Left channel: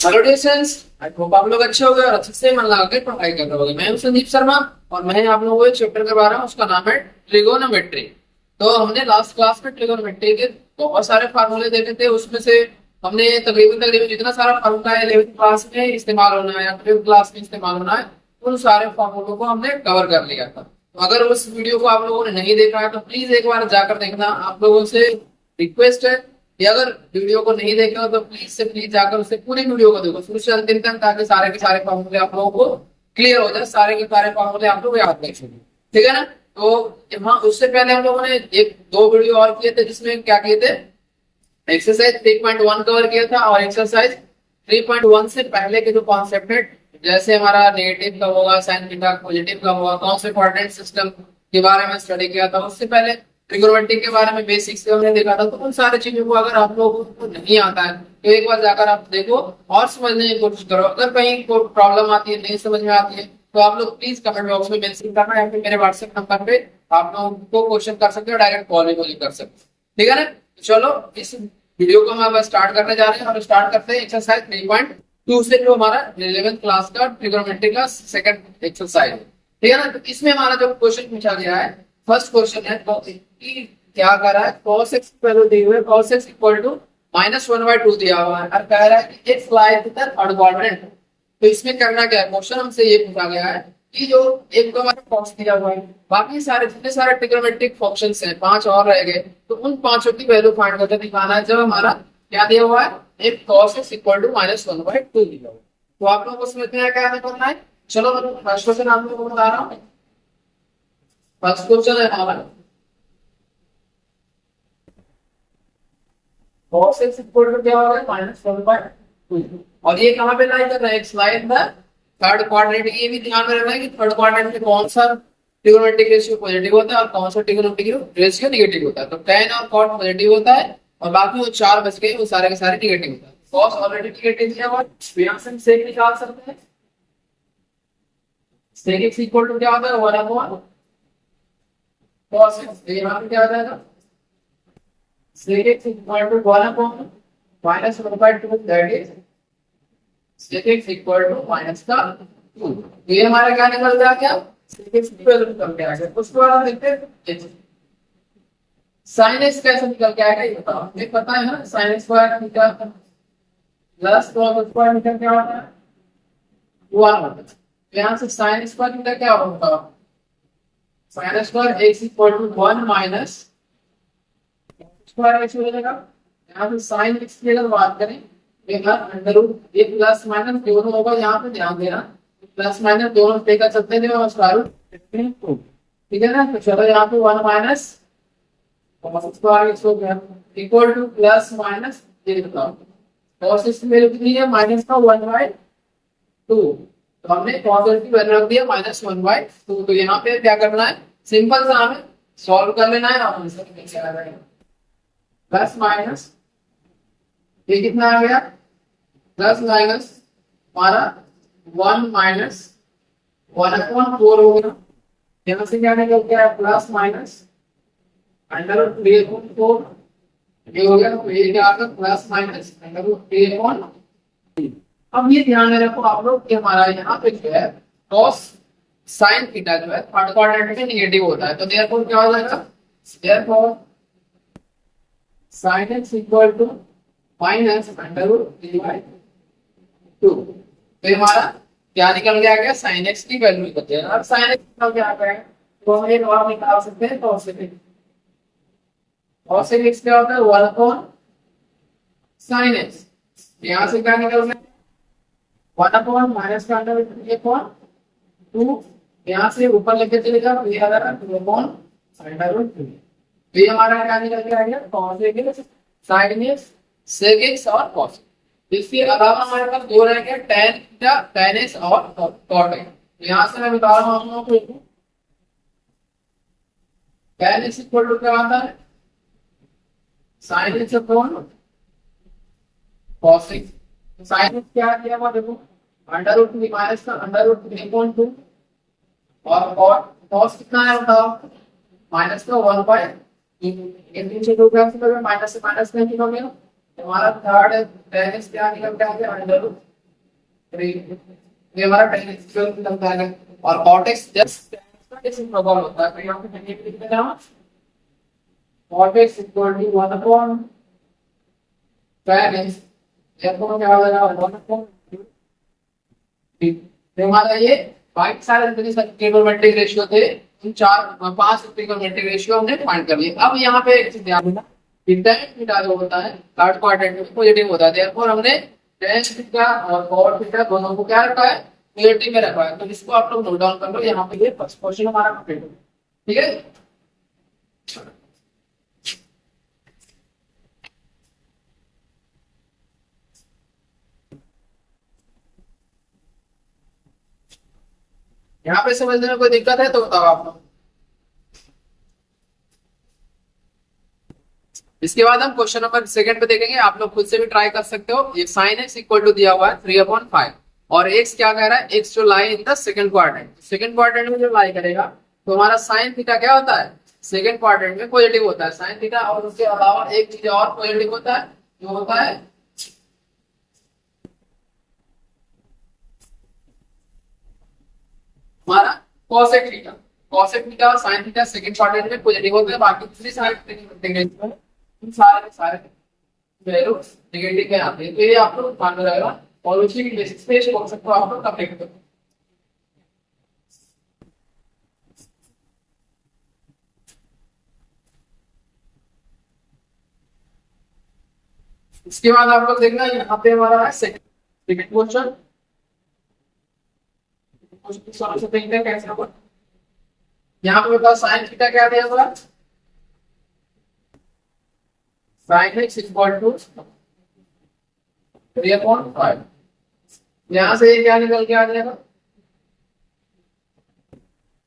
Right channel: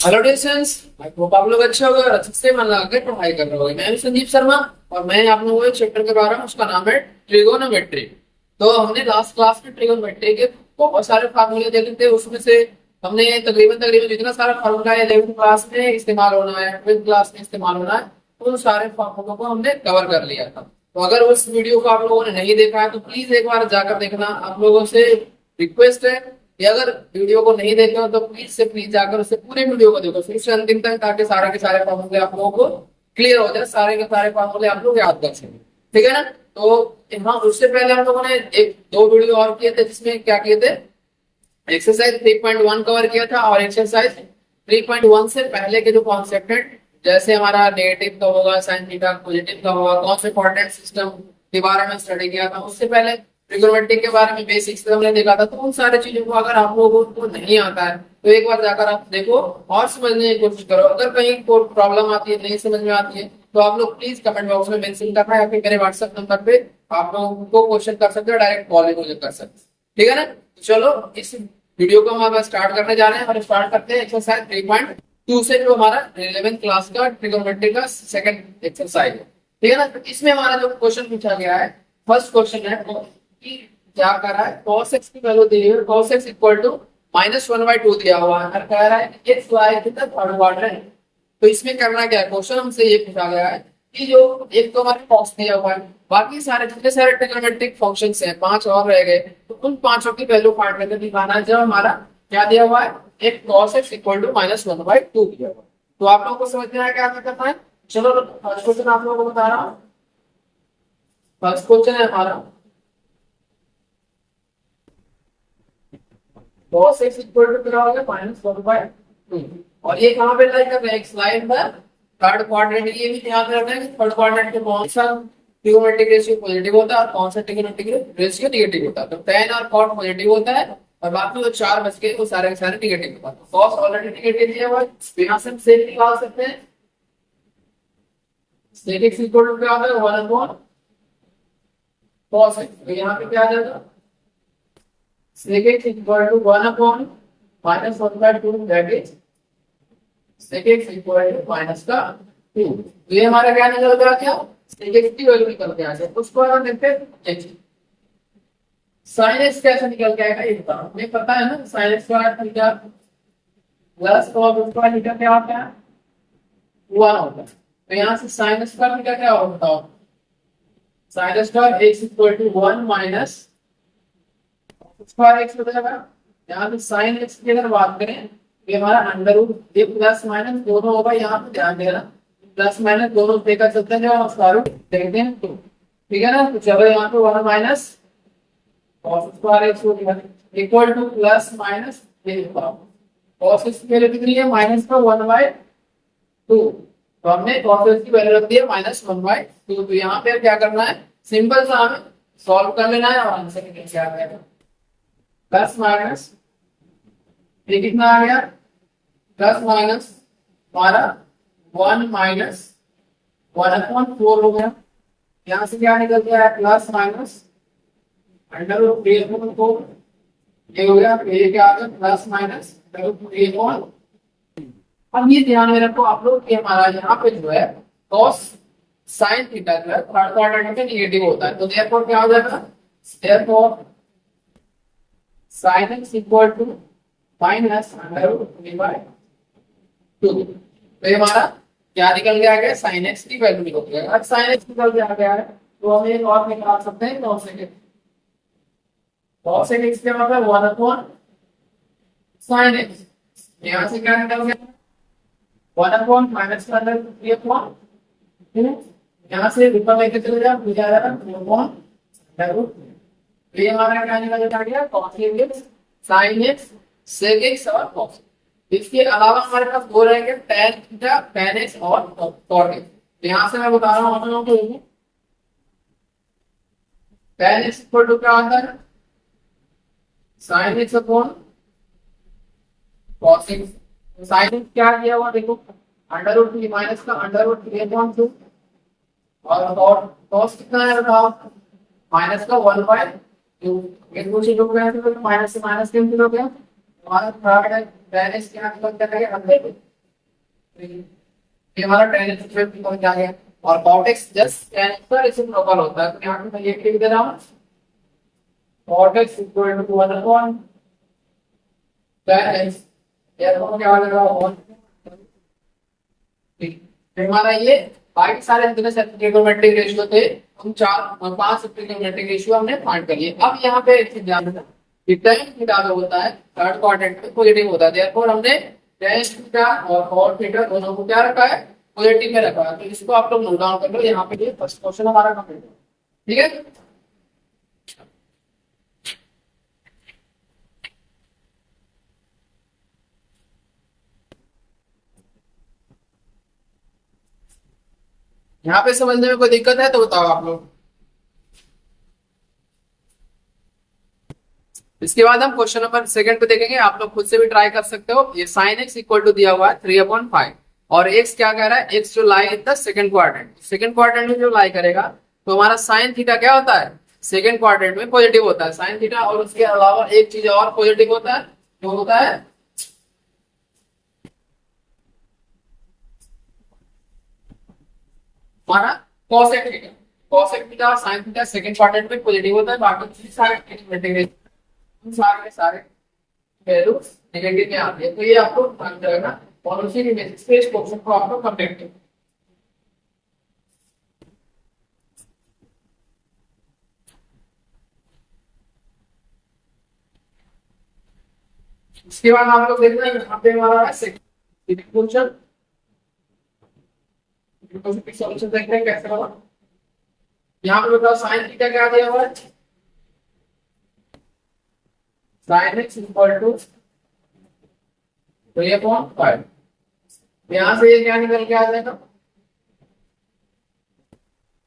Hello dear students, I hope आप लोग अच्छे हो गए और अच्छे से मन लगा के पढ़ाई कर रहे होगे। मैं हूं संदीप शर्मा और मैं आप लोगों को एक चैप्टर करवा रहा हूं, उसका नाम है ट्रिगोनोमेट्री। तो हमने लास्ट क्लास में ट्रिगोनोमेट्री के बहुत सारे फार्मूले देखे थे। उसमें से हमने तकरीबन तकरीबन जितना सारा फार्मूला है 11th क्लास में इस्तेमाल होना है या 12th क्लास में इस्तेमाल होना है, उन सारे फार्मूलों को हमने कवर कर लिया था। तो अगर उस वीडियो को आप लोगों ने नहीं देखा है तो प्लीज एक बार जाकर देखना। आप लोगों से रिक्वेस्ट है कि अगर वीडियो को नहीं देखे हो तो प्लीज से प्लीज जाकर उससे पूरे वीडियो को देखो शुरू से अंतिम तक, ताकि सारे के सारे फार्मूले आप लोगों को क्लियर हो जाए, सारे के सारे फार्मूले आप लोग याद कर सकें। ठीक है ना। तो हाँ, उससे पहले हम लोगों ने एक दो वीडियो और किए थे जिसमें क्या किए थे, एक्सरसाइज 3.1 कवर किया था और एक्सरसाइज 3.1 से पहले के जो कॉन्सेप्ट है, जैसे हमारा नेगेटिव कब होगा, साइन थीटा पॉजिटिव कब होगा, कौन से कोऑर्डिनेट सिस्टम के बारे में स्टडी किया था। उससे पहले ट्रिग्नोमेट्री के बारे में बेसिक्स हमने देखा था। तो उन सारी चीजों को अगर आप लोगों को नहीं आता है तो एक बार जाकर आप देखो और समझने की कोशिश करो। अगर कहीं कोई प्रॉब्लम आती है, नहीं समझ में आती है, तो आप लोग प्लीज कमेंट बॉक्स में मेंशन करना या फिर मेरे व्हाट्सएप नंबर पे आप लोगों को क्वेश्चन कर सकते हो, डायरेक्ट कॉल भी मुझे कर सकते हो। ठीक है ना। तो चलो इस वीडियो को हम अब स्टार्ट करने जा रहे हैं और स्टार्ट करते हैं एक्सरसाइज 3.2 से, जो हमारा 11th क्लास का ट्रिग्नोमेट्री का सेकंड एक्सरसाइज है। ठीक है ना। तो इसमें हमारा जो क्वेश्चन पूछा गया है, फर्स्ट क्वेश्चन है कि क्या कर रहा है, cos x की वैल्यू दी हुई है, cos x इक्वल टू -1/2 दिया हुआ है और कह रहा है कि x lies in the third quadrant. तो इसमें करना क्या है, क्वेश्चन हमसे ये पूछा गया है कि जो एक तो हमारे cos दिया हुआ है, बाकी सारे जितने सारे ट्रिग्नोमेट्रिक फंक्शंस हैं, 5 और रह गए, तो उन पांचों की वैल्यू फाइंड करके दिखाना है। जब हमारा क्या दिया हुआ है, एक cos x इक्वल टू -1/2 दिया हुआ है। तो आप लोगों को समझ में आया क्या करना है। चलो फर्स्ट क्वेश्चन आप लोगों को बता रहा हूँ। फर्स्ट क्वेश्चन है हमारा cos x इक्वल टू क्या होगा, -1/2। और ये कहाँ पे लाई कर रहा है, x lie in the third quadrant. ये भी ध्यान में रखना है कि थर्ड क्वाड्रेंट में कौन सा ट्रिग्नोमेट्रिक रेशियो पॉजिटिव होता है और कौन सा ट्रिग्नोमेट्रिक रेशियो नेगेटिव होता है। तो tan और cot पॉजिटिव होता है और बाकी वो चार बच गए, वो सारे के सारे नेगेटिव होता है। तो cos ऑलरेडी नेगेटिव दिया हुआ है, तो यहाँ से हम sec निकाल सकते हैं। sec x इक्वल टू क्या होता है, 1/cos x। तो यहाँ पे क्या आ जाएगा, sec x equal to 1/-1/2, that is sec x equal to -2। तो ये हमारा क्या निकल गया, क्या sec x की वैल्यू निकल के आ गया। उसके बाद हम देखते हैं sin x कैसे निकल के आएगा, ये बताओ। हमें पता है ना, sin square theta plus cos square theta क्या होता है, 1 होता है। तो यहाँ से sin स्क्वायर थीटा क्या होगा बताओ, sin square x equal to 1 minus square x हो जाएगा। यहाँ पे साइन एक्स की अगर बात करें तो हमारा अंडर रूट, ये प्लस माइनस दोनों होगा। यहाँ पे ध्यान देना, प्लस माइनस दोनों लेकर चलते हैं, जब स्क्वायर रूट देखते हैं तो। ठीक है ना। तो चलो यहाँ पे 1 माइनस cos स्क्वायर एक्स हो गया इक्वल टू प्लस माइनस, ये बताओ cos एक्स की वैल्यू कितनी है, -1/2। तो हमने cos एक्स की वैल्यू रख दिया -1/2। तो यहाँ पे क्या करना है, सिंपल सा हमें सॉल्व कर लेना है और आंसर निकल के आ जाएगा प्लस माइनस, ये कितना आ गया, प्लस माइनस हमारा 1 माइनस 1/4 हो गया। यहां से क्या निकल गया है, प्लस माइनस √3/4, ये हो गया। तो ये क्या आ गया, प्लस माइनस √3/। अब ये ध्यान में रखो आप लोग कि हमारा यहाँ पे जो है cos sin थीटा जो है थर्ड क्वाड्रेंट में नेगेटिव होता है। तो देयरफॉर क्या हो जाएगा, therefore sin x equal to -√3/2। तो ये हमारा क्या निकल के आ गया, sin x की वैल्यू निकल गया। अब sin x निकल के आ गया है तो हम एक और निकाल सकते हैं cos x। cos x क्या होता है, 1/sin x। यहाँ से क्या निकल गया, 1/-√3/2। यहाँ से ऊपर लेके चले जाओ, ये आ जाएगा 2/√3। तो ये हमारा क्या निकल के आ गया, cos x, sin x, sec x और cos। इसके अलावा हमारे पास दो रह गया, tan थीटा, tan x और cot x। यहाँ से मैं बता रहा हूँ आप लोगों को, tan x इक्वल टू क्या आता है, sin x upon cos x। sin x क्या दिया हुआ देखो, √3 माइनस का √3/2 और cos कितना है बताओ, माइनस का 1/2। इनपुट से 2 कैंसिल हो गया, माइनस से माइनस कैंसिल हो गया, तो हमारा थर्ड है tan x क्या निकल के आ गया √3, ये हमारा tan x 12 निकल के आ गया। और cot x just tan x का रेसिप्रोकल होता है, तो यहाँ पे मैं ये लिख दे रहा हूँ cot x equal to 1 upon tan x, therefore क्या हो जाएगा 1 अपॉन तो हमारा ये बाकी सारे जितने ट्रिगोनोमेट्रिक रेशियो थे उन 5 ट्रिगोनोमेट्रिक रेशियो हमने फाइंड कर लिए। अब यहाँ पे एक चीज ध्यान देना कि tan थीटा जो होता है थर्ड क्वाड्रेंट में पॉजिटिव होता है, देयरफॉर हमने tan थीटा और cot थीटा दोनों को क्या रखा है, पॉजिटिव में रखा है। तो इसको आप लोग नोट डाउन कर लो, यहाँ पे ये फर्स्ट क्वेश्चन हमारा कंप्लीट हो गया। ठीक है, यहाँ पे समझने में कोई दिक्कत है तो बताओ आप लोग। इसके बाद हम क्वेश्चन नंबर सेकंड पे देखेंगे, आप लोग खुद से भी ट्राई कर सकते हो। ये sin x इक्वल टू दिया हुआ है 3/5 और x क्या कह रहा है, x जो lie in the second quadrant, second quadrant में जो लाई करेगा तो हमारा sin थीटा क्या होता है, सेकंड क्वाड्रेंट में पॉजिटिव होता है sin थीटा। और उसके अलावा एक चीज और पॉजिटिव होता है, जो होता है हमारा cosec थीटा। cosec थीटा और sin थीटा सेकंड क्वाड्रेंट में पॉजिटिव होता है, बाकी दूसरी सारे ट्रिग्नोमेट्रिक में इन सारे के सारे वैल्यू नेगेटिव में आते हैं। तो ये आप लोग ध्यान में रखना और उसी के बेसिस पे इस क्वेश्चन को आप लोग कंप्लीट करो। इसके बाद आप लोग देखना यहाँ पे हमारा है सेकंड क्वेश्चन की सॉल्यूशन देखते हैं कैसे होगा। यहाँ पे बताओ sin थीटा क्या दिया हुआ है, sin x इक्वल टू 3/5, यहाँ से ये क्या निकल के आ जाएगा,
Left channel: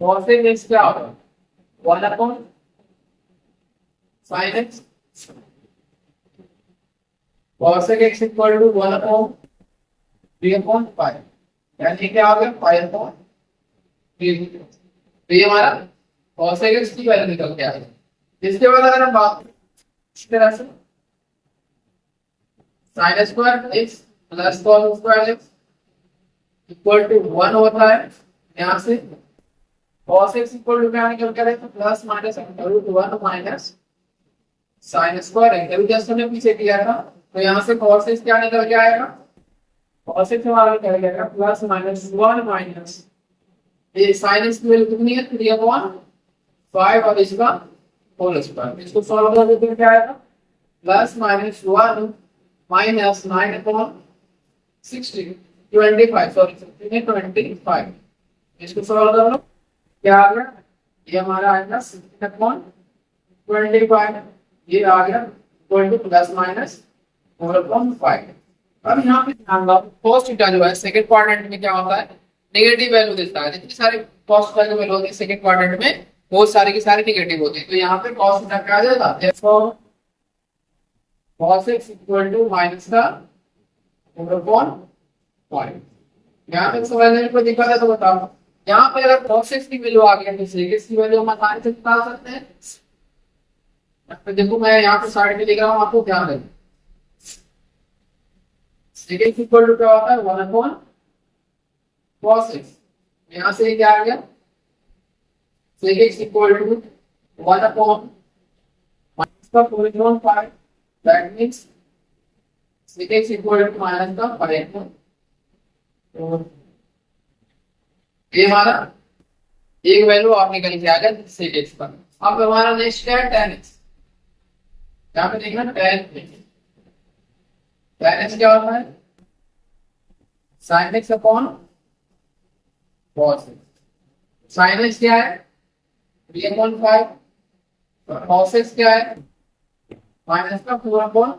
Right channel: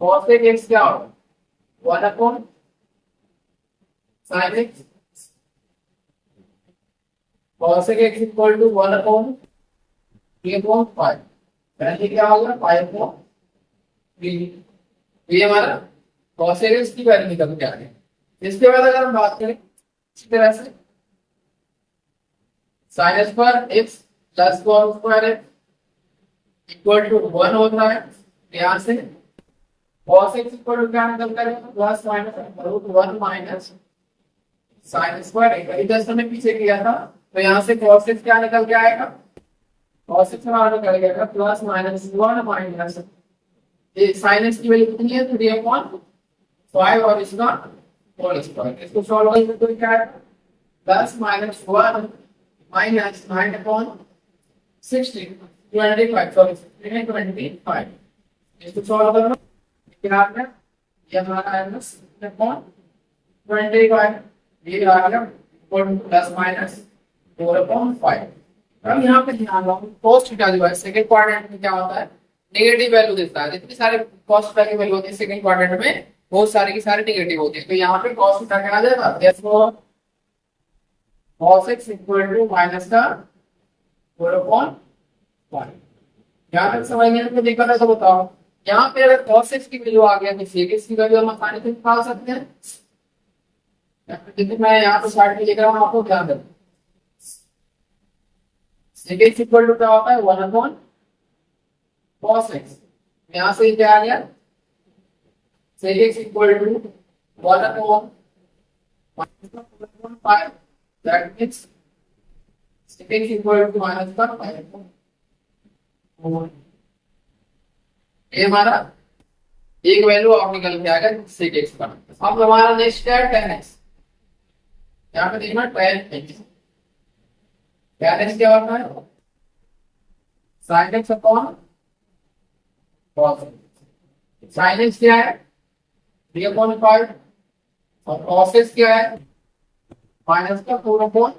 cosec x क्या होगा 1 अपॉन sin x, cosec x equal to 1 अपॉन 3/5, यानी क्या हो गया 5/3। तो ये हमारा cosec x की वैल्यू निकल के आ गई। इसके बाद अगर हम बात करें इसी तरह से sin square x plus cos square x equal to 1 होता है, यहाँ से cos x इक्वल टू क्या निकल कर है, plus minus √1 minus sin square x, अभी जस्ट हमने पीछे किया था। तो यहाँ से cos x क्या निकल के आएगा, cos x हमारा निकल गया प्लस माइनस 1 माइनस ये sin x की वैल्यू कितनी है 3/5 और इसका होल स्क्वायर। इसको सॉल्व करोगे तो क्या आएगा, प्लस माइनस 1 माइनस 9/16 25 सॉरी 25। इसको सॉल्व कर लो, क्या आ गया, ये हमारा आएगा 16/25, ये आ गया इक्वल टू प्लस माइनस 4/5। अब यहाँ पे ध्यान दो cos थीटा जो है सेकंड क्वाड्रेंट में क्या होता है, नेगेटिव वैल्यू देता है। जितनी सारे cos थीटा की वैल्यू होती है सेकंड क्वाड्रेंट में बहुत सारी की सारी नेगेटिव होती है। तो यहाँ पे cos थीटा क्या आ जाएगा, therefore cos x equal to minus का 4/5। यहाँ तक समझने में कोई दिक्कत है तो बताओ। यहाँ पे अगर cos x की वैल्यू आ गया तो sec x की वैल्यू हम आसानी से निकाल सकते हैं। यहाँ पे देखो मैं यहाँ पे साइड में लिख रहा हूँ, आपको ध्यान देना। sec x इक्वल टू क्या होता है 1/cos x, यहाँ से क्या आ गया sec x equal to 1/- minus का 4/5, that means sec x equal to minus का 5। ये हमारा एक वैल्यू आप निकल के आ गया sec x का। अब हमारा नेक्स्ट है tan x, यहाँ पे देखना tan x, tan x क्या होता है sin x upon cos x। sin x क्या है 3/5 और cos x क्या है माइनस का 4/5,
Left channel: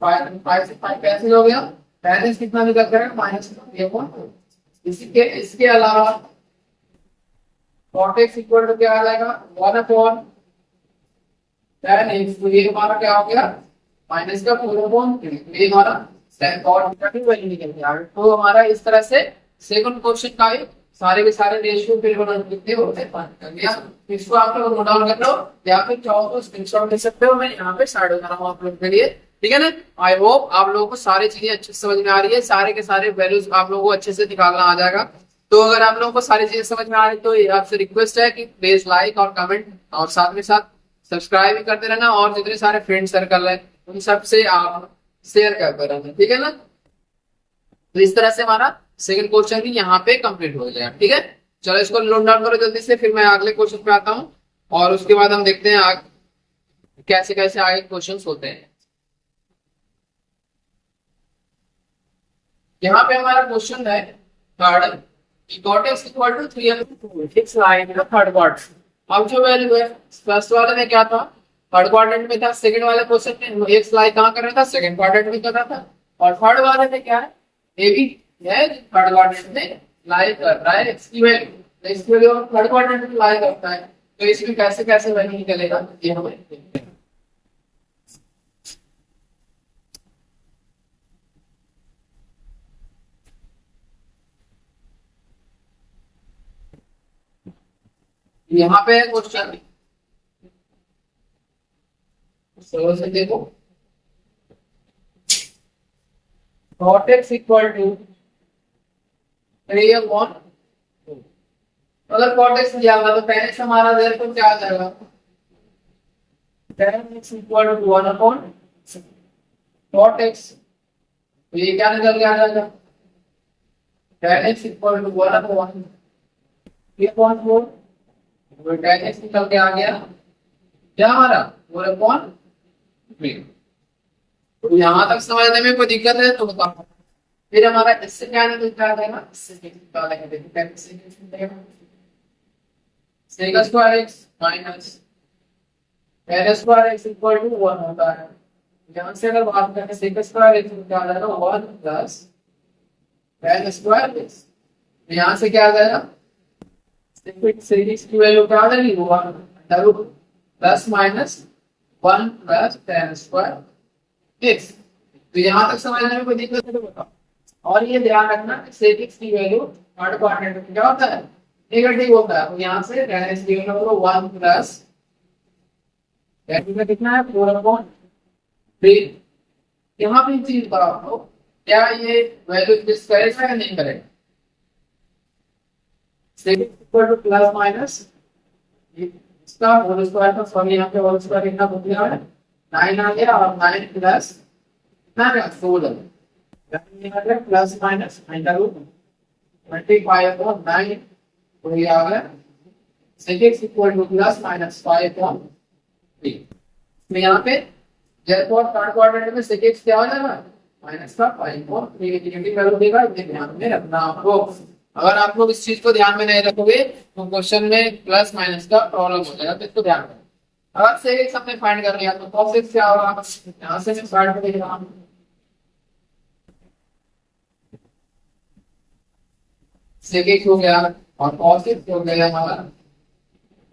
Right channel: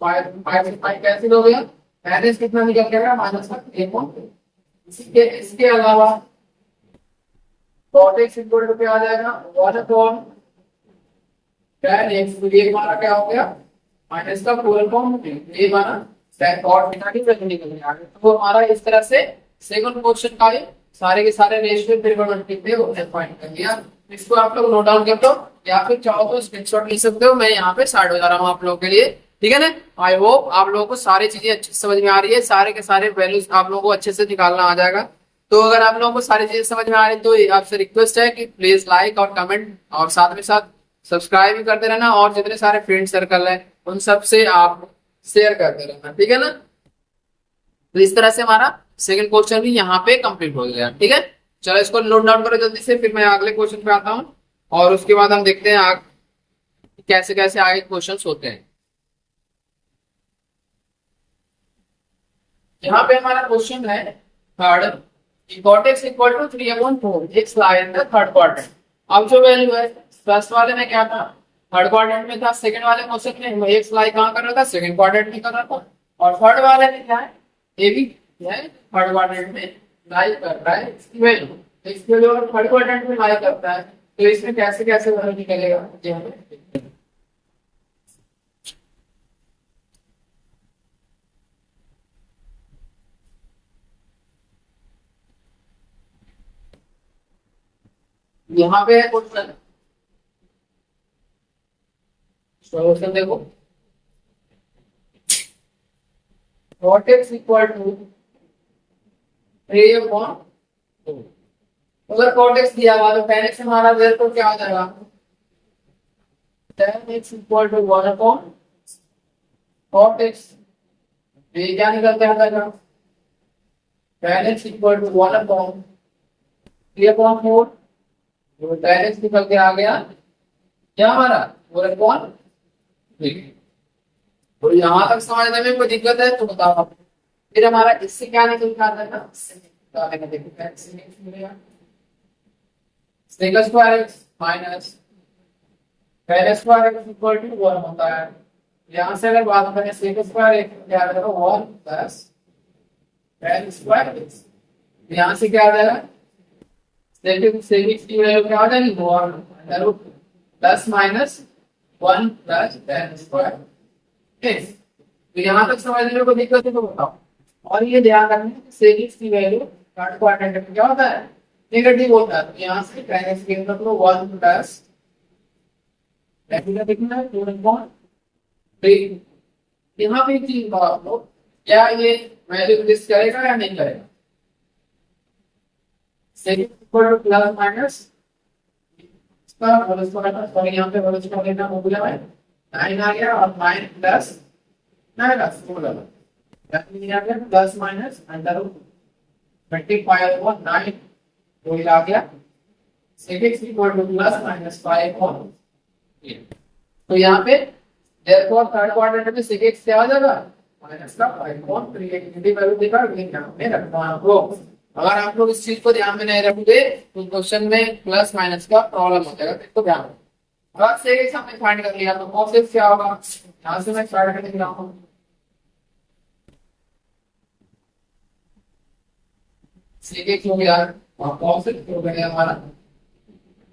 5 से 5 कैंसिल हो गया, tan x कितना निकल के आएगा माइनस का 3/5। इसके अलावा cot x इक्वल टू क्या आ जाएगा 1/tan x, तो ये हमारा क्या हो गया माइनस का 4/3। ये हमारा cot थीटा की वैल्यू निकल गया। तो हमारा इस तरह से सेकंड क्वेश्चन का सारे के सारे रेशियो ट्रिगोनोमेट्री पे होते हैं, पॉइंट कर लिया। इसको आप लोग नोट डाउन कर लो या फिर चाहो तो स्क्रीनशॉट ले सकते हो, मैं यहाँ पे साइड हो जा रहा हूँ आप लोगों के लिए, ठीक है ना। आई होप आप लोगों को सारी चीजें अच्छे से समझ में आ रही है, सारे के सारे वैल्यूज आप लोगों को अच्छे से निकालना आ जाएगा। तो अगर आप लोगों को सारी चीजें समझ में आ रही है तो आपसे रिक्वेस्ट है कि प्लीज लाइक और कमेंट और साथ में साथ सब्सक्राइब भी करते रहना, और जितने सारे फ्रेंड सर्कल है उन सब से आप शेयर करते रहना, ठीक है ना। तो इस तरह से हमारा सेकंड क्वेश्चन भी यहाँ पे कंप्लीट हो गया, ठीक है। चलो इसको नोट डाउन करो जल्दी से, फिर मैं अगले क्वेश्चन पे आता हूँ और उसके बाद हम देखते हैं कैसे कैसे आगे क्वेश्चन होते हैं। यहाँ पे हमारा क्वेश्चन है third, cot x equal to 3/4 x line का थर्ड क्वाड्रेंट। अब जो वैल्यू है फर्स्ट वाले में क्या था, थर्ड क्वाड्रेंट में था, सेकंड वाले क्वेश्चन में x लाई कहाँ कर रहा था, सेकंड क्वाड्रेंट में कर रहा था, और थर्ड वाले में क्या है, ए भी है थर्ड क्वाड्रेंट में लाई कर रहा है x की वैल्यू। तो इसकी वैल्यू अगर थर्ड क्वाड्रेंट में लाई करता है तो इसमें कैसे कैसे वैल्यू निकलेगा ये हमें देखते हैं। यहाँ पे है क्वेश्चन, सॉल्यूशन देखो, cot x इक्वल टू 3/4, अगर cot x दिया हुआ तो tan x हमारा देर तो क्या आ जाएगा, tan x equal to 1/cot x, तो ये क्या निकल के आ जाएगा, tan x इक्वल टू 1/3/4, वो tan x निकल के आ गया क्या हमारा 4/3। तो यहाँ तक समझने में कोई दिक्कत है तो बताओ। फिर हमारा इससे क्या निकलता है ना, इससे निकालेंगे, देखो क्या इससे निकलेगा, sec square x minus tan square x equal to 1 होता है। यहाँ से अगर बात करें sec स्क्वायर x क्या आ जाएगा 1 प्लस tan स्क्वायर x, यहाँ से क्या आ जाएगा sec x की वैल्यू क्या आ जाएगी 1 plus minus 1 plus tan square x। तो यहाँ तक समझने में कोई दिक्कत है तो बताओ। और ये ध्यान रखना sec x की वैल्यू थर्ड क्वाड्रेंट में क्या होता है, नेगेटिव होता है। तो यहाँ से tan x की वैल्यू 1 प्लस कितना है 4/3। यहाँ पे एक चीज बताओ आप लोग, क्या ये वैल्यू एग्जिस्ट करेगा या नहीं करेगा, sec x equal two plus minus इसका होल स्क्वायर का, सॉरी यहाँ पे होल स्क्वायर लेना भूल गया मैं, 9 आ गया और 9 प्लस 16, यानी यहाँ पे प्लस माइनस अंडर रूट 25/9, तो ये आ गया sec x equal two plus minus 5/3। तो यहाँ पे therefore थर्ड क्वाड्रेंट में sec x क्या आ जाएगा माइनस का 5/3, नेगेटिव वैल्यू देगा, ये ध्यान में रखना आपको। अगर आप लोग इस चीज को ध्यान में नहीं रखोगे तो क्वेश्चन में प्लस माइनस का प्रॉब्लम हो जाएगा, तो इसको ध्यान रखना। अगर sec x हमने फाइंड कर लिया तो cos x क्या होगा, यहाँ से मैं स्टार्ट कर लिख रहा हूँ, sec x हो गया और cos x हो गया हमारा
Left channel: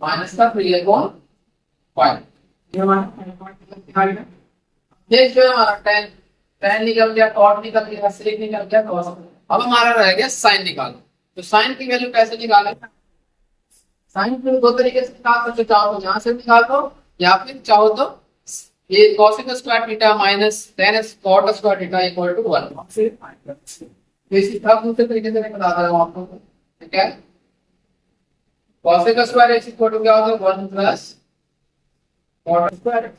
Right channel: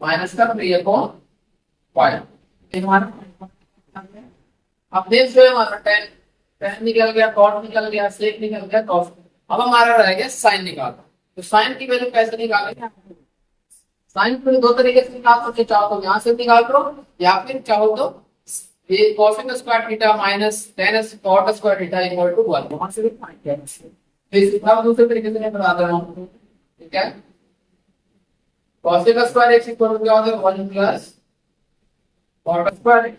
माइनस का 3/5। ये हमारा अब नेक्स्ट जो है हमारा tan निकल गया, cot निकल गया, sec निकल गया, cos। अब हमारा रह गया sin निकालना। तो sin की वैल्यू कैसे निकालेंगे, साइन को दो तरीके से निकाल सकते, चाहो तो यहाँ से निकाल दो या फिर चाहो तो ये cosec square theta minus tan cot square theta equal to 1, वहां से फाइंड कर सकते हैं। तो इसी अब दूसरे तरीके से मैं बता रहा हूं आपको, ठीक है। cosec square x equal to क्या होता है 1 प्लस cot स्क्वायर x,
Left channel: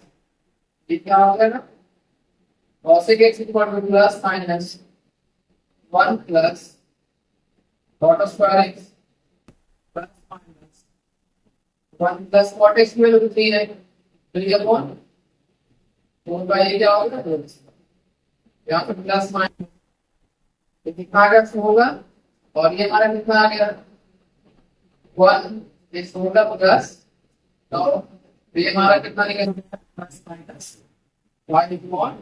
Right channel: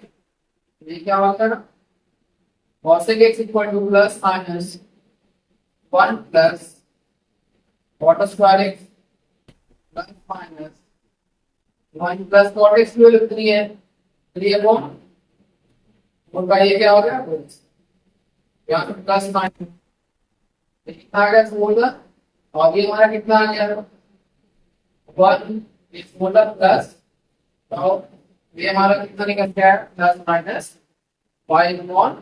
ये क्या होता है ना cosec x equal two plus minus 1 plus cot square x plus minus 1 plus cot x की वैल्यू 3 है, 3/4 का ये क्या हो गया 2, यहाँ पे प्लस माइनस ये कितना आ गया 16, और ये हमारा कितना आ गया 1, ये 16 प्लस, तो ये हमारा कितना निकल गया प्लस माइनस 5/3।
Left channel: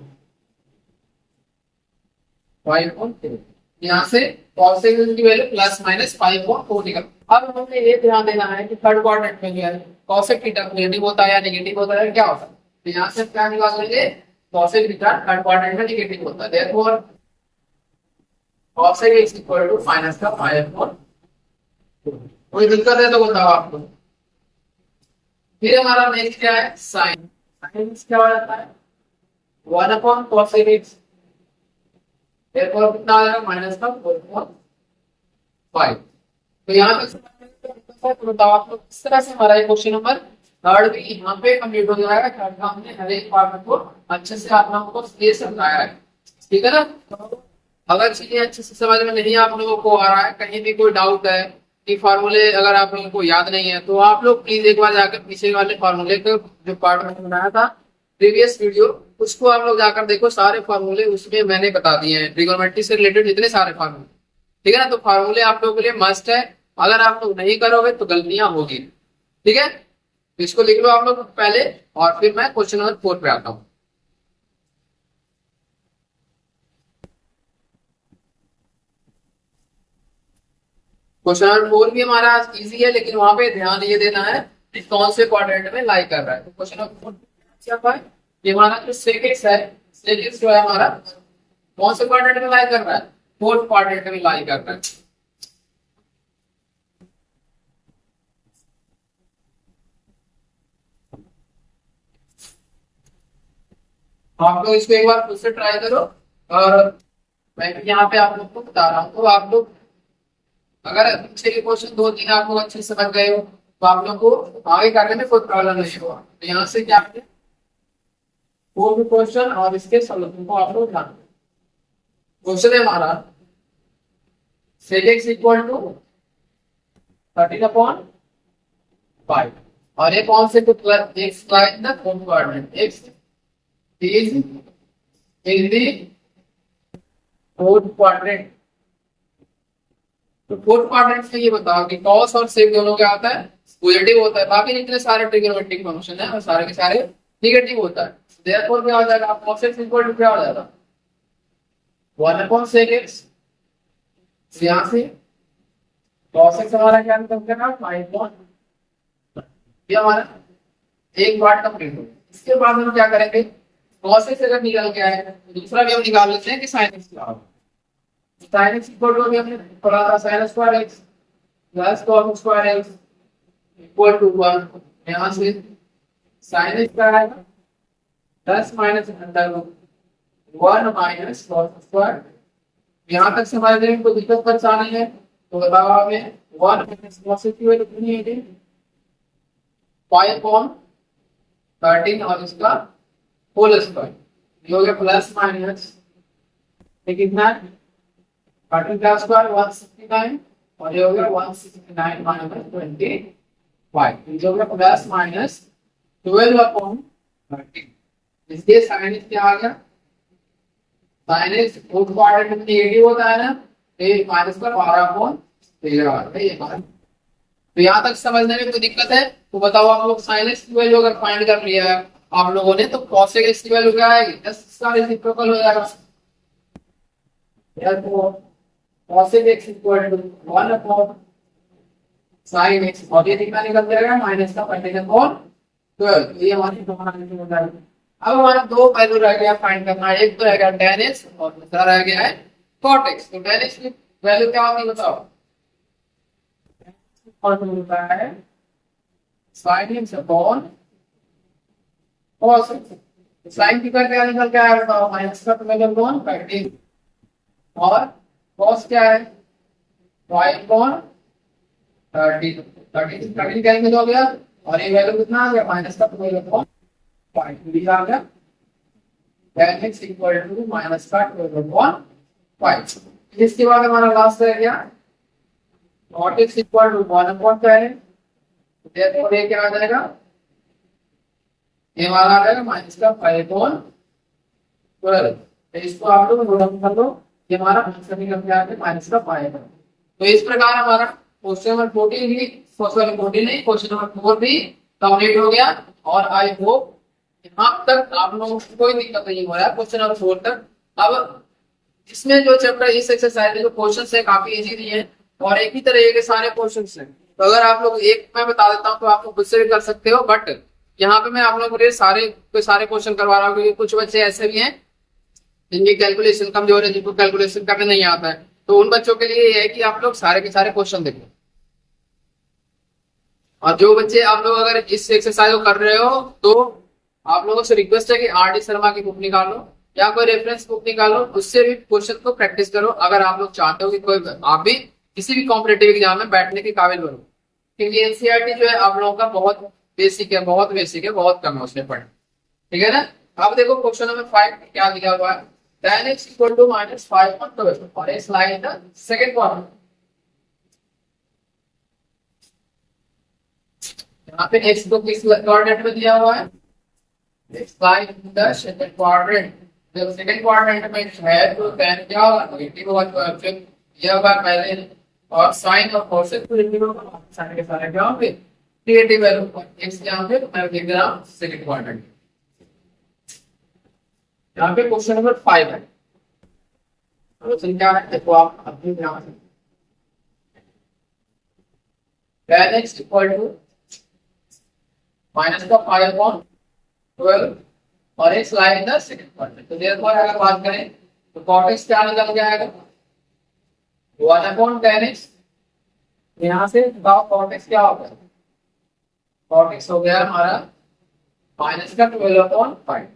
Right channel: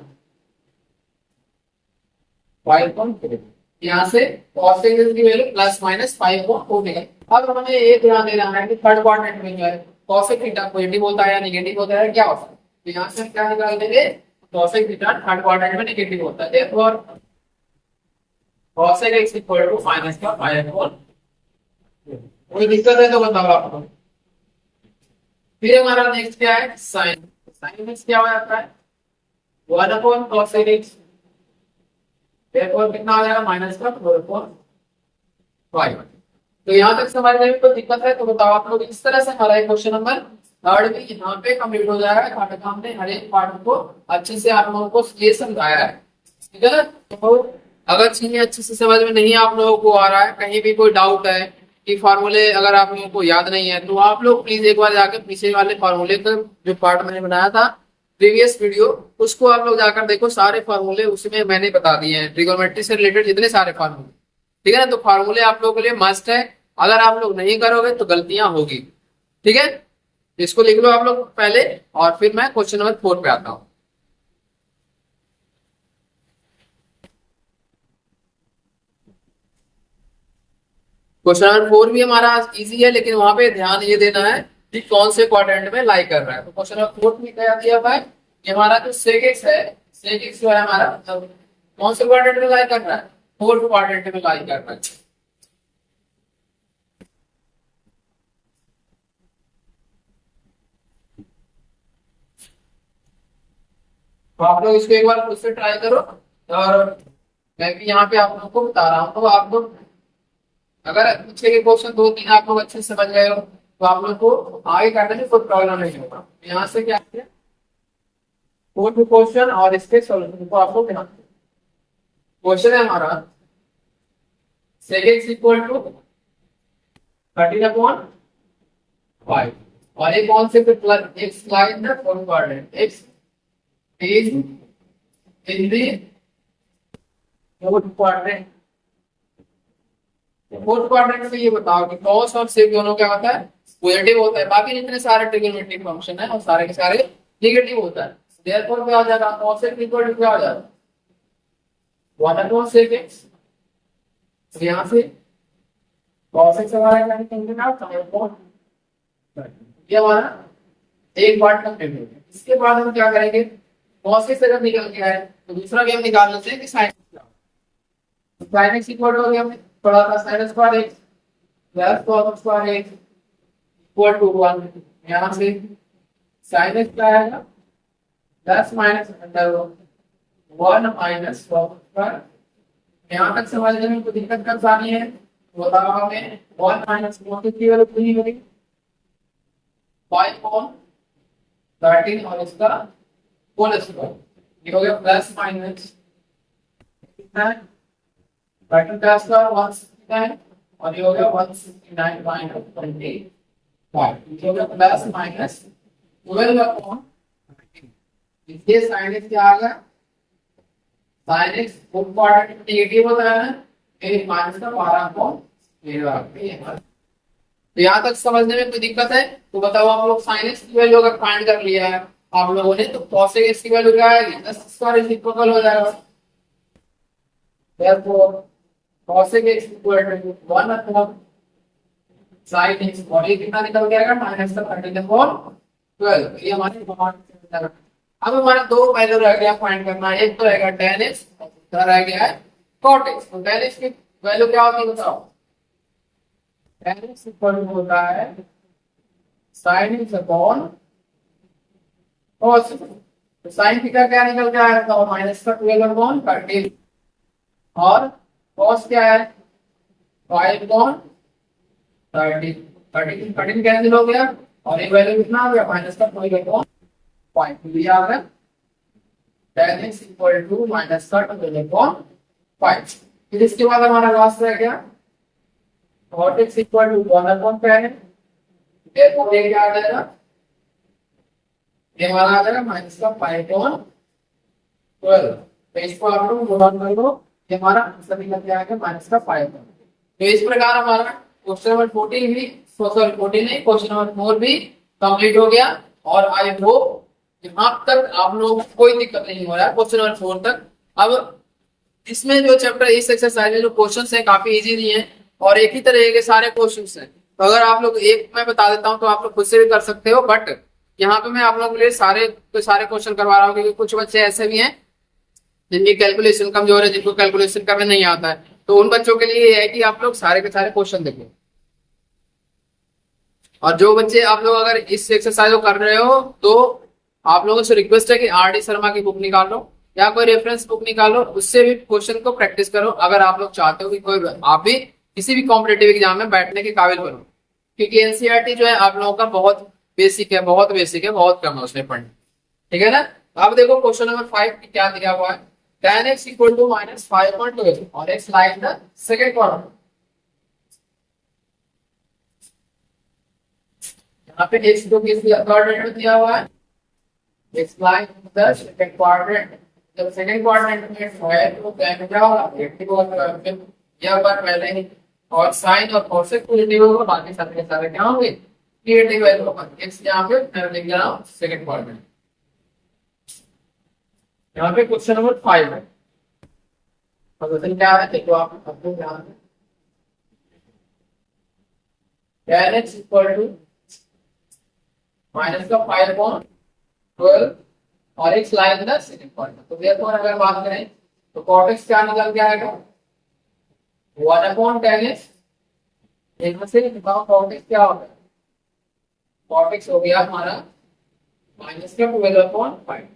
यहाँ से cos x की वैल्यू प्लस माइनस 5/4 निकल। अब हमें ये ध्यान देना है कि थर्ड क्वाड्रेंट में जो है cosec थीटा पॉजिटिव होता है या नेगेटिव होता है, क्या होता है। तो यहाँ से क्या निकाल लेंगे cosec थीटा थर्ड क्वाड्रेंट में नेगेटिव होता है, therefore cosec x equal to minus का 5/4 कोई दिक्कत है तो बताओ आप लोग। फिर हमारा नेक्स्ट क्या है, साइन। साइन एक्स क्या हो जाता है, 1 अपॉन कॉस एक्स। कितना आ जाएगा, माइनस का 4/5। तो यहाँ तक समझने में कोई दिक्कत है तो बताओ आप लोग। इस तरह से हमारा क्वेश्चन नंबर थर्ड भी यहाँ पे कंप्लीट हो जाएगा। थर्ड का हमने हर एक पार्ट को अच्छे से आप लोगों को ये समझाया है, ठीक है ना। तो अगर चीजें अच्छे से समझ में नहीं आप लोगों को आ रहा है, कहीं भी कोई डाउट है कि फार्मूले अगर आप लोगों को याद नहीं है, तो आप लोग प्लीज एक बार जाकर पीछे वाले फार्मूले का जो पार्ट मैंने बनाया था प्रीवियस वीडियो, उसको आप लोग जाकर देखो। सारे फार्मूले उसमें मैंने बता दिए हैं, ट्रिगोनोमेट्री से रिलेटेड जितने सारे फार्मूले, ठीक है ना। तो फार्मूले आप लोगों के लिए मस्ट है, अगर आप लोग नहीं करोगे तो गलतियां होगी, ठीक है। इसको लिख लो आप लोग पहले, और फिर मैं क्वेश्चन नंबर 4 पे आता हूँ। क्वेश्चन नंबर 4 भी हमारा इजी है, लेकिन वहां पे ध्यान ये देना है कि कौन से क्वाड्रेंट में लाई कर रहा है। तो क्वेश्चन नंबर 4 में क्या दिया हुआ है, कि हमारा जो सेक एक्स है, सेक एक्स जो है हमारा कौन से क्वाड्रेंट में लाई कर रहा है, फोर्थ क्वाड्रेंट में लाई कर रहा है। तो आप लोग इसको एक बार खुद से ट्राई करो, और मैं भी यहाँ पे आप लोग को बता रहा हूँ। तो आप लोग अगर पीछे के क्वेश्चन 2-3 आप लोग अच्छे से समझ गए हो, तो आप लोग को आगे करने में कोई प्रॉब्लम नहीं होगा। तो यहाँ से क्या किया, फोर्थ क्वेश्चन और इसके सॉल्यूशन को आप लोग ध्यान दो। क्वेश्चन है हमारा sec x इक्वल टू 13/5, और ये कौन से x line the fourth quadrant, x is in the fourth quadrant। तो फोर्थ क्वाड्रेंट में ये बताओ कि cos और sec दोनों क्या होता है, पॉजिटिव होता है। बाकी जितने सारे ट्रिग्नोमेट्रिक फंक्शन है और सारे के सारे नेगेटिव होता है। देयरफॉर क्या हो जाएगा, cos x इक्वल टू क्या हो जाएगा, 1/sec x। तो यहाँ से cos x हमारा क्या निकल गया, 5/, ये हमारा एक पार्ट कंप्लीट हो गया। इसके बाद हम क्या करेंगे, cos x अगर निकल गया है तो दूसरा भी हम निकाल लेते हैं कि sin x क्या होगा। तो sin x इक्वल टू, अभी हमने पढ़ा था sin square x plus cos square x equal to 1। यहाँ से sin x क्या आएगा, plus minus under 1 minus cos square. यहाँ तक समझने में कोई दिक्कत परेशानी है तो बताओ हमें। 1 माइनस cos x की वैल्यू कितनी होगी, 5/13, और इसका होल स्क्वायर। ये हो गया प्लस माइनस, ये कितना है, 13 का स्क्वायर 169, और ये हो गया 169 माइनस 25। ये हो गया प्लस माइनस 12/13। इसलिए साइन एक्स क्या आ गया, साइन एक्स फोर्थ क्वाड्रेंट में नेगेटिव होता है ना, तो ये माइनस का 12/13 आता है ये हमारा। तो यहाँ तक समझने में कोई दिक्कत है तो बताओ आप लोग। साइन एक्स की वैल्यू अगर फाइंड कर लिया है आप लोगों ने, तो cos x की वैल्यू क्या आएगी, 10 इसका रेसिप्रोकल हो जाएगा। therefore cos x equal to 1/sin x, और ये कितना निकल जाएगा, माइनस का 13/12। ये हमारी आंसर हो जाएगा। अब हमारा दो वैल्यू रह गया फाइंड करना, एक तो रहेगा tan x और दूसरा रह गया है cot x। तो tan x की वैल्यू क्या होती है बताओ, tan x इक्वल टू होता है sin x अपॉन cos। तो साइन थीटा क्या निकल के आया बताओ, माइनस का 12/13, और cos क्या है 5/13। 13 कैंसिल हो गया, और ये वैल्यू कितना आ गया, माइनस का 12/5 दिया आ गया। tan x equal to minus का 12/5। फिर इसके बाद हमारा लास्ट रह गया cot x इक्वल टू 1/, क्या है, therefore ये क्या आ जाएगा, ये वाला आ जाएगा माइनस का 5/12। तो इसको आप लोग नोट डाउन कर लो, ये हमारा आंसर निकल के आ गया माइनस का 5/12। तो इस प्रकार हमारा क्वेश्चन नंबर 14 भी, सॉरी 14 नहीं, क्वेश्चन नंबर 4 भी कंप्लीट हो गया। और आई होप यहाँ तक आप लोगों को कोई दिक्कत नहीं हो रहा है क्वेश्चन नंबर 4 तक। अब इसमें जो चैप्टर, इस एक्सरसाइज में जो क्वेश्चन है काफी इजी दिए हैं, और एक ही तरह के सारे क्वेश्चन हैं। तो अगर आप लोग एक मैं बता देता हूँ तो आप लोग खुद से भी कर सकते हो, बट यहाँ पे मैं आप लोगों के लिए सारे क्वेश्चन करवा रहा हूँ, क्योंकि कुछ बच्चे ऐसे भी हैं जिनकी कैलकुलेशन कमजोर है, जिनको कैलकुलेशन करने नहीं आता है। तो उन बच्चों के लिए ये है कि आप लोग सारे के सारे क्वेश्चन देखें, और जो बच्चे आप लोग अगर इस एक्सरसाइज को कर रहे हो तो आप लोगों से रिक्वेस्ट है कि RD शर्मा की बुक निकालो या कोई रेफरेंस बुक निकालो, उससे भी क्वेश्चन को प्रैक्टिस करो अगर आप लोग चाहते हो कि कोई आप भी किसी भी कॉम्पिटेटिव एग्जाम में बैठने के काबिल बनो। क्योंकि एनसीईआरटी जो है आप लोगों का बहुत बेसिक है, बहुत बेसिक है, बहुत कम है उसमें पढ़ना। ठीक है ना। अब देखो क्वेश्चन नंबर 5 क्या दिया हुआ है, tan x equal to minus 5.12 और x lie in the second quadrant. यहाँ पे x को किस क्वाड्रेंट में दिया हुआ है, x lie in the second quadrant. जब सेकंड क्वाड्रेंट में है तो tan क्या होगा, नेगेटिव होगा, तो ऑप्शन दिया हुआ है पहले ही। और साइन और कोसेक पॉजिटिव होगा, बाकी सारे के सारे क्या होंगे, नेगेटिव वैल्यू होगा। x यहाँ पे मैं लिख रहा हूँ सेकंड क्वाड्रेंट। यहाँ पे क्वेश्चन नंबर 5 है। सॉल्यूशन क्या है देखो आप अपने ध्यान से, tan x equal to minus का 5/12 और x line the second quadrant. तो देयरफॉर अगर बात करें तो cot x क्या निकल के आएगा, 1/tan x। यहाँ से बताओ cot x क्या हो गया, cot x हो गया हमारा माइनस का 12/5।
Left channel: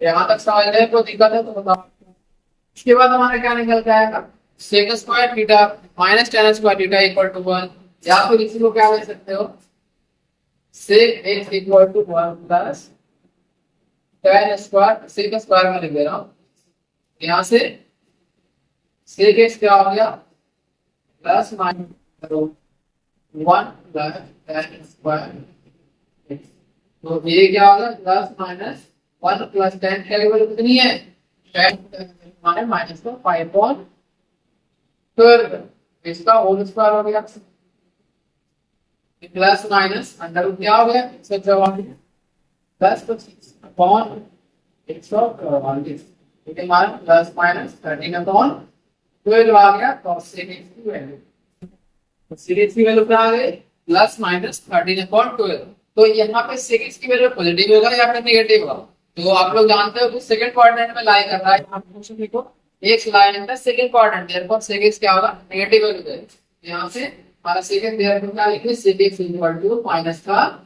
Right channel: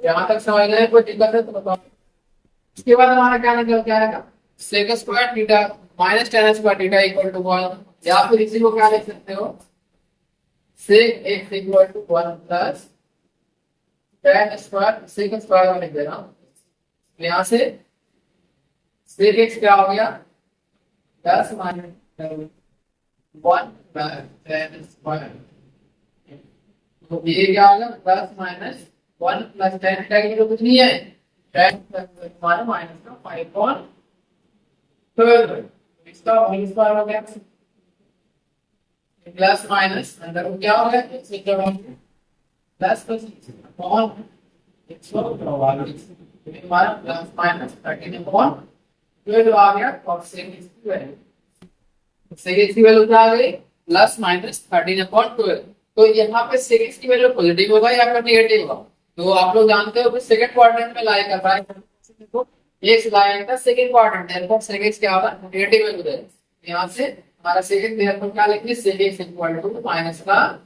यहाँ तक समझने में कोई दिक्कत है तो बताओ। इसके बाद हमारा क्या निकल के आएगा, sec square theta minus tan square theta equal to 1, या फिर इसी को क्या लिख सकते हो, sec x equal to 1 plus tan square, sec square में लिख दे रहा हूँ। यहाँ से sec x क्या हो गया, plus minus 1 plus tan square. तो ये क्या होगा, प्लस माइनस 1 प्लस tan की वैल्यू कितनी है, tan हमारे माइनस का 5/12, इसका होल स्क्वायर हो गया, प्लस माइनस अंडर रूट क्या हो गया 154 प्लस 25 अपॉन 144, तो हमारा प्लस माइनस 13/12 आ गया। तो सेक एक्स की वैल्यू, सेक एक्स की वैल्यू क्या आ गई, प्लस माइनस 13/12। तो यहाँ पे सेक एक्स की वैल्यू पॉजिटिव होगा या फिर नेगेटिव होगा, तो आप लोग जानते हो कि सेकंड क्वाड्रेंट में लाई कर रहा है। यहाँ क्वेश्चन देखो x lie in the second quadrant, therefore sec x क्या होगा, नेगेटिव वैल्यू है। यहाँ से हमारा सेकंड, देयरफॉर क्या लिखेंगे, sec x equal to minus का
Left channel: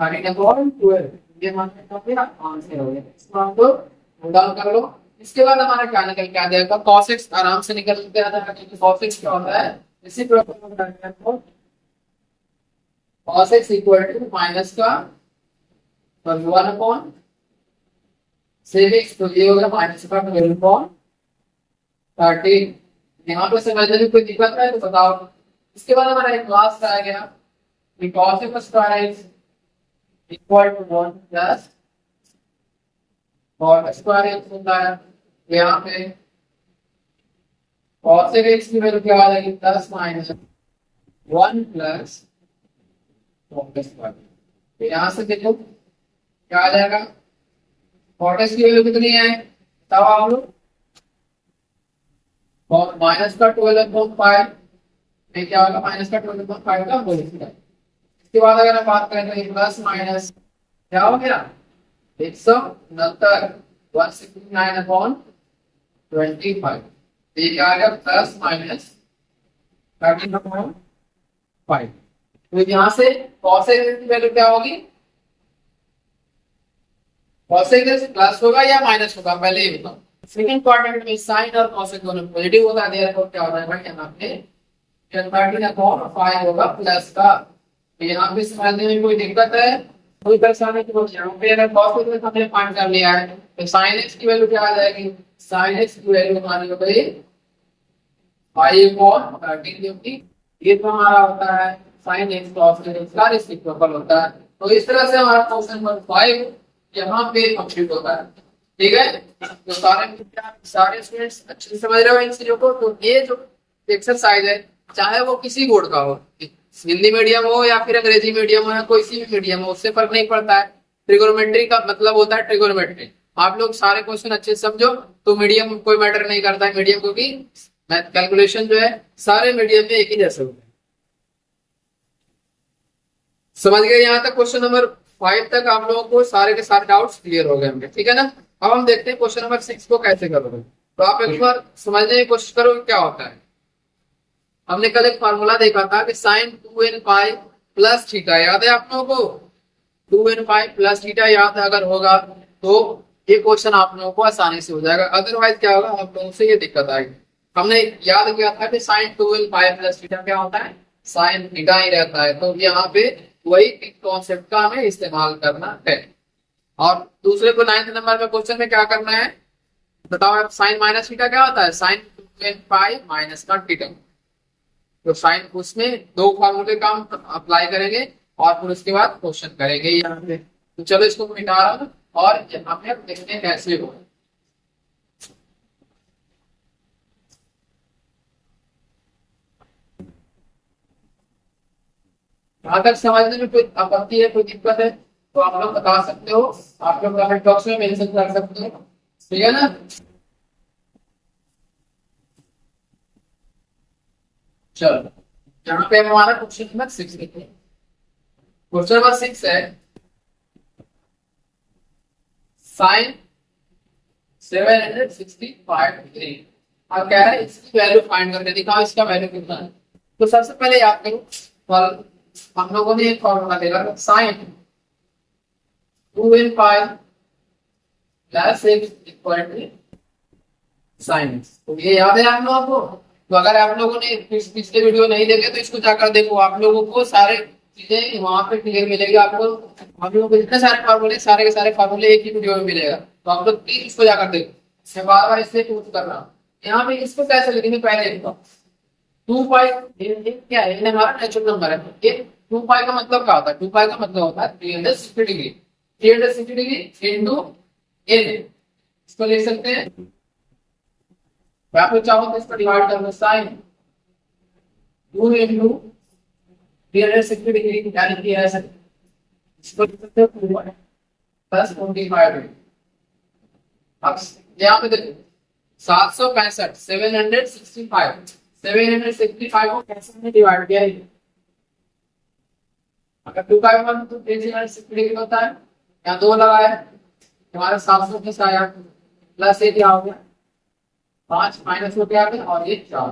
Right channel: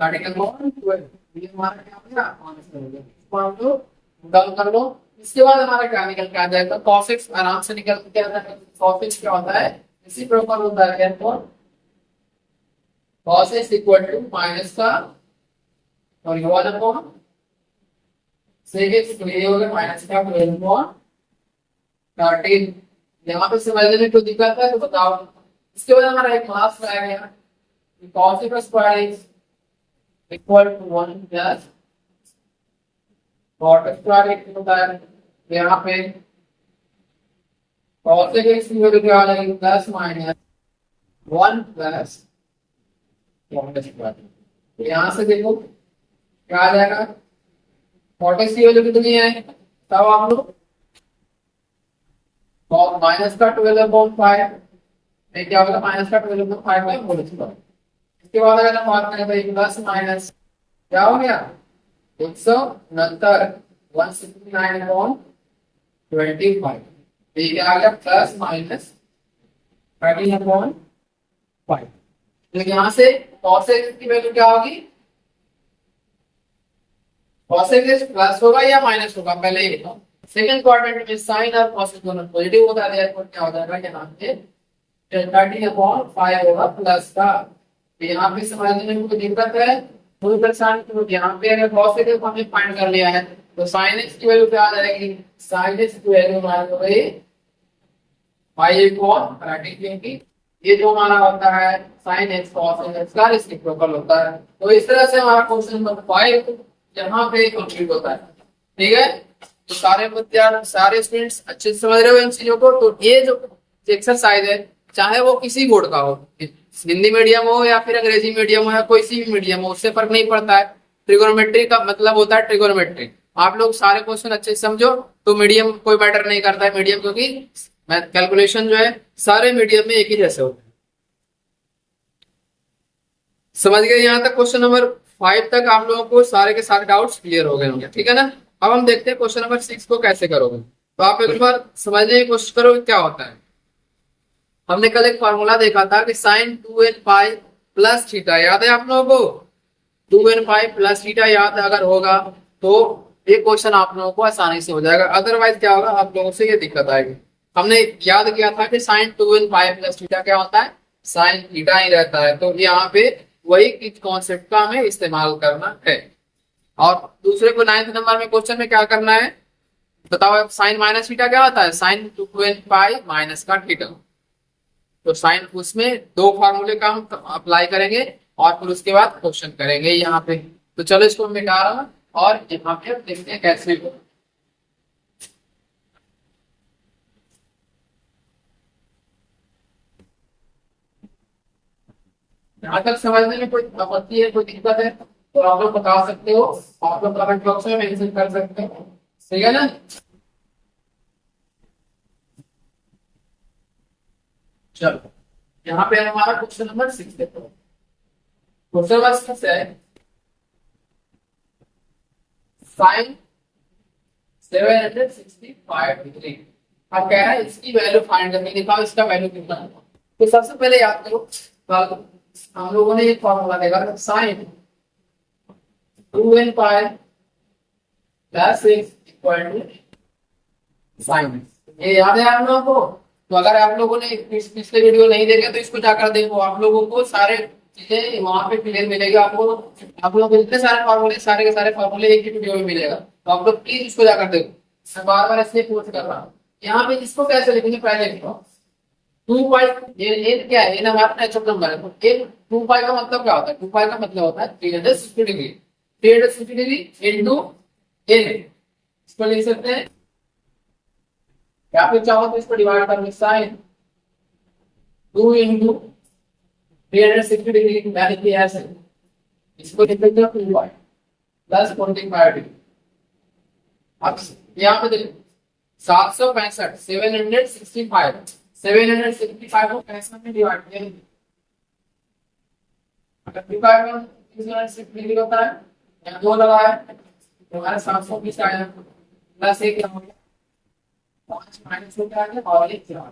13/12। ये हमारा क्या हो गया, आंसर हो गया। इसको हम तो नोट डाउन कर लो। इसके बाद हमारा क्या निकल के आ जाएगा, cos x आराम से निकल के आ जाएगा, क्योंकि cos x क्या होता है, इसी प्रॉपर होता है। Therefore cos x equal to minus का 1 sec x, तो ये हो गया माइनस का 12/13। यहाँ पे समझने में कोई दिक्कत है तो बताओ। इसके बाद हमारा एक क्लास रह गया, cos x square x equal to 1 plus cot square x होता है। यहाँ पे cos x की वैल्यू क्या आ जाएगी, plus minus 1 plus cot square. तो यहाँ से देखो क्या आ जाएगा, cot x की वैल्यू कितनी है, तब आप लोग माइनस का 12/5 में क्या होगा, माइनस का 12/5 का होल स्क्वायर। इसके बाद अगर हम बात करें तो ये प्लस माइनस क्या हो गया, 169 169/25। ये क्या आ गया, प्लस माइनस 13/5। तो यहाँ से cos x की वैल्यू क्या होगी, cos x प्लस होगा या माइनस होगा, पहले ये बताओ। सेकंड क्वाड्रेंट में साइन और cos x दोनों पॉजिटिव होता है, देयरफॉर क्या हो जाएगा, यहाँ पे 13/5 होगा प्लस का। तो यहाँ पे समझने में कोई दिक्कत है, कोई परेशानी, तो यहाँ पे अगर cos x हमने फाइंड कर लिया है तो sin x की वैल्यू क्या आ जाएगी, sin x की वैल्यू हमारी हो गई 5/13, क्योंकि ये जो हमारा होता है sin x cos x का रेसिप्रोकल होता है। तो इस तरह से हमारा क्वेश्चन नंबर 5 यहाँ पे कंप्लीट होता है। ठीक है, तो सारे विद्यार्थी, सारे स्टूडेंट्स अच्छे से समझ रहे हो इन चीजों को। तो ये जो एक्सरसाइज है, चाहे वो किसी बोर्ड का हो, हिंदी मीडियम हो या फिर अंग्रेजी मीडियम हो या कोई सी भी मीडियम हो, उससे फर्क नहीं पड़ता है। ट्रिगोनोमेट्री का मतलब होता है ट्रिगोनोमेट्री। आप लोग सारे क्वेश्चन अच्छे से समझो तो मीडियम कोई मैटर नहीं करता है, मीडियम, क्योंकि कैलकुलेशन जो है सारे मीडियम में एक ही जैसे होते हैं। समझ गए यहाँ तक, क्वेश्चन नंबर 5 तक आप लोगों को सारे के सारे डाउट्स क्लियर हो गए होंगे। ठीक है ना। अब हम देखते हैं क्वेश्चन नंबर 6 को कैसे करोगे। तो आप एक बार समझने की कोशिश करो क्या होता है। हमने कल एक फॉर्मूला देखा था कि sin 2n pi plus theta, याद है आप लोगों को? 2n पाई प्लस थीटा याद अगर होगा तो ये क्वेश्चन आप लोगों को आसानी से हो जाएगा, अदरवाइज क्या होगा, आप लोगों से ये दिक्कत आएगी। हमने याद किया था कि sign 2n pi plus theta क्या होता है, साइन थीटा ही रहता है। तो यहाँ पे वही कॉन्सेप्ट का हमें इस्तेमाल करना है। और दूसरे को 9th नंबर में क्वेश्चन में क्या करना है बताओ, साइन माइनस थीटा क्या होता है, साइन 2n पाई माइनस का थीटा। तो साइन उसमें दो फॉर्मूले का हम अप्लाई करेंगे और फिर उसके बाद क्वेश्चन करेंगे यहाँ पे। तो चलो इसको मिटा रहा हूं और यहाँ पे अब देखते हैं कैसे हो। यहाँ तक समझने में कोई आपत्ति है, कोई दिक्कत है तो आप लोग बता सकते हो, आप लोग कमेंट बॉक्स में मेंशन कर सकते हो, ठीक है ना। चलो यहाँ पे हमारा क्वेश्चन नंबर 6 देखो। क्वेश्चन नंबर 6 है साइन 765 डिग्री। अब कह रहा है इसकी वैल्यू फाइंड करके दिखाओ, इसका वैल्यू कितना है। तो सबसे पहले याद करो, कल हम लोगों ने एक फॉर्मूला देखा था, sine 2n pi plus x equal to sine, तो ये याद है आप लोगों को। तो अगर आप लोगों ने पिछले वीडियो नहीं देखे तो इसको जाकर देखो, आप लोगों को सारे चीजें वहां पे क्लियर मिलेगी आपको। आप लोगों को जितने सारे फार्मूले, सारे के सारे फार्मूले एक ही वीडियो में मिलेगा, तो आप लोग प्लीज इसको जाकर देखो। मैं बार बार इसलिए पूछ कर रहा हूँ। यहाँ पे इसको कैसे लिखेंगे, पहले लिखो 2 पाई, ये क्या है, ये हमारा नेचुरल नंबर है। तो ये 2 पाई का मतलब क्या होता है, 2 पाई का मतलब होता है 360 डिग्री, 360 डिग्री इंटू एन, इसको लिख सकते हैं। आप लोग चाहो तो इसको डिवाइड कर लो, साइन 2 इंटू 360 डिग्री, यानी कि ऐसे इसको लिख सकते हो 2 पाई प्लस 45 डिग्री। अब यहाँ पे देखो 765, 765 को कैसे हमने डिवाइड किया है। अगर 2 पाई वन तो 360 डिग्री होता है, यहाँ 2 लगाया हमारे 720 आया, प्लस ये क्या हो गया 5 माइनस हो गया और ये 4,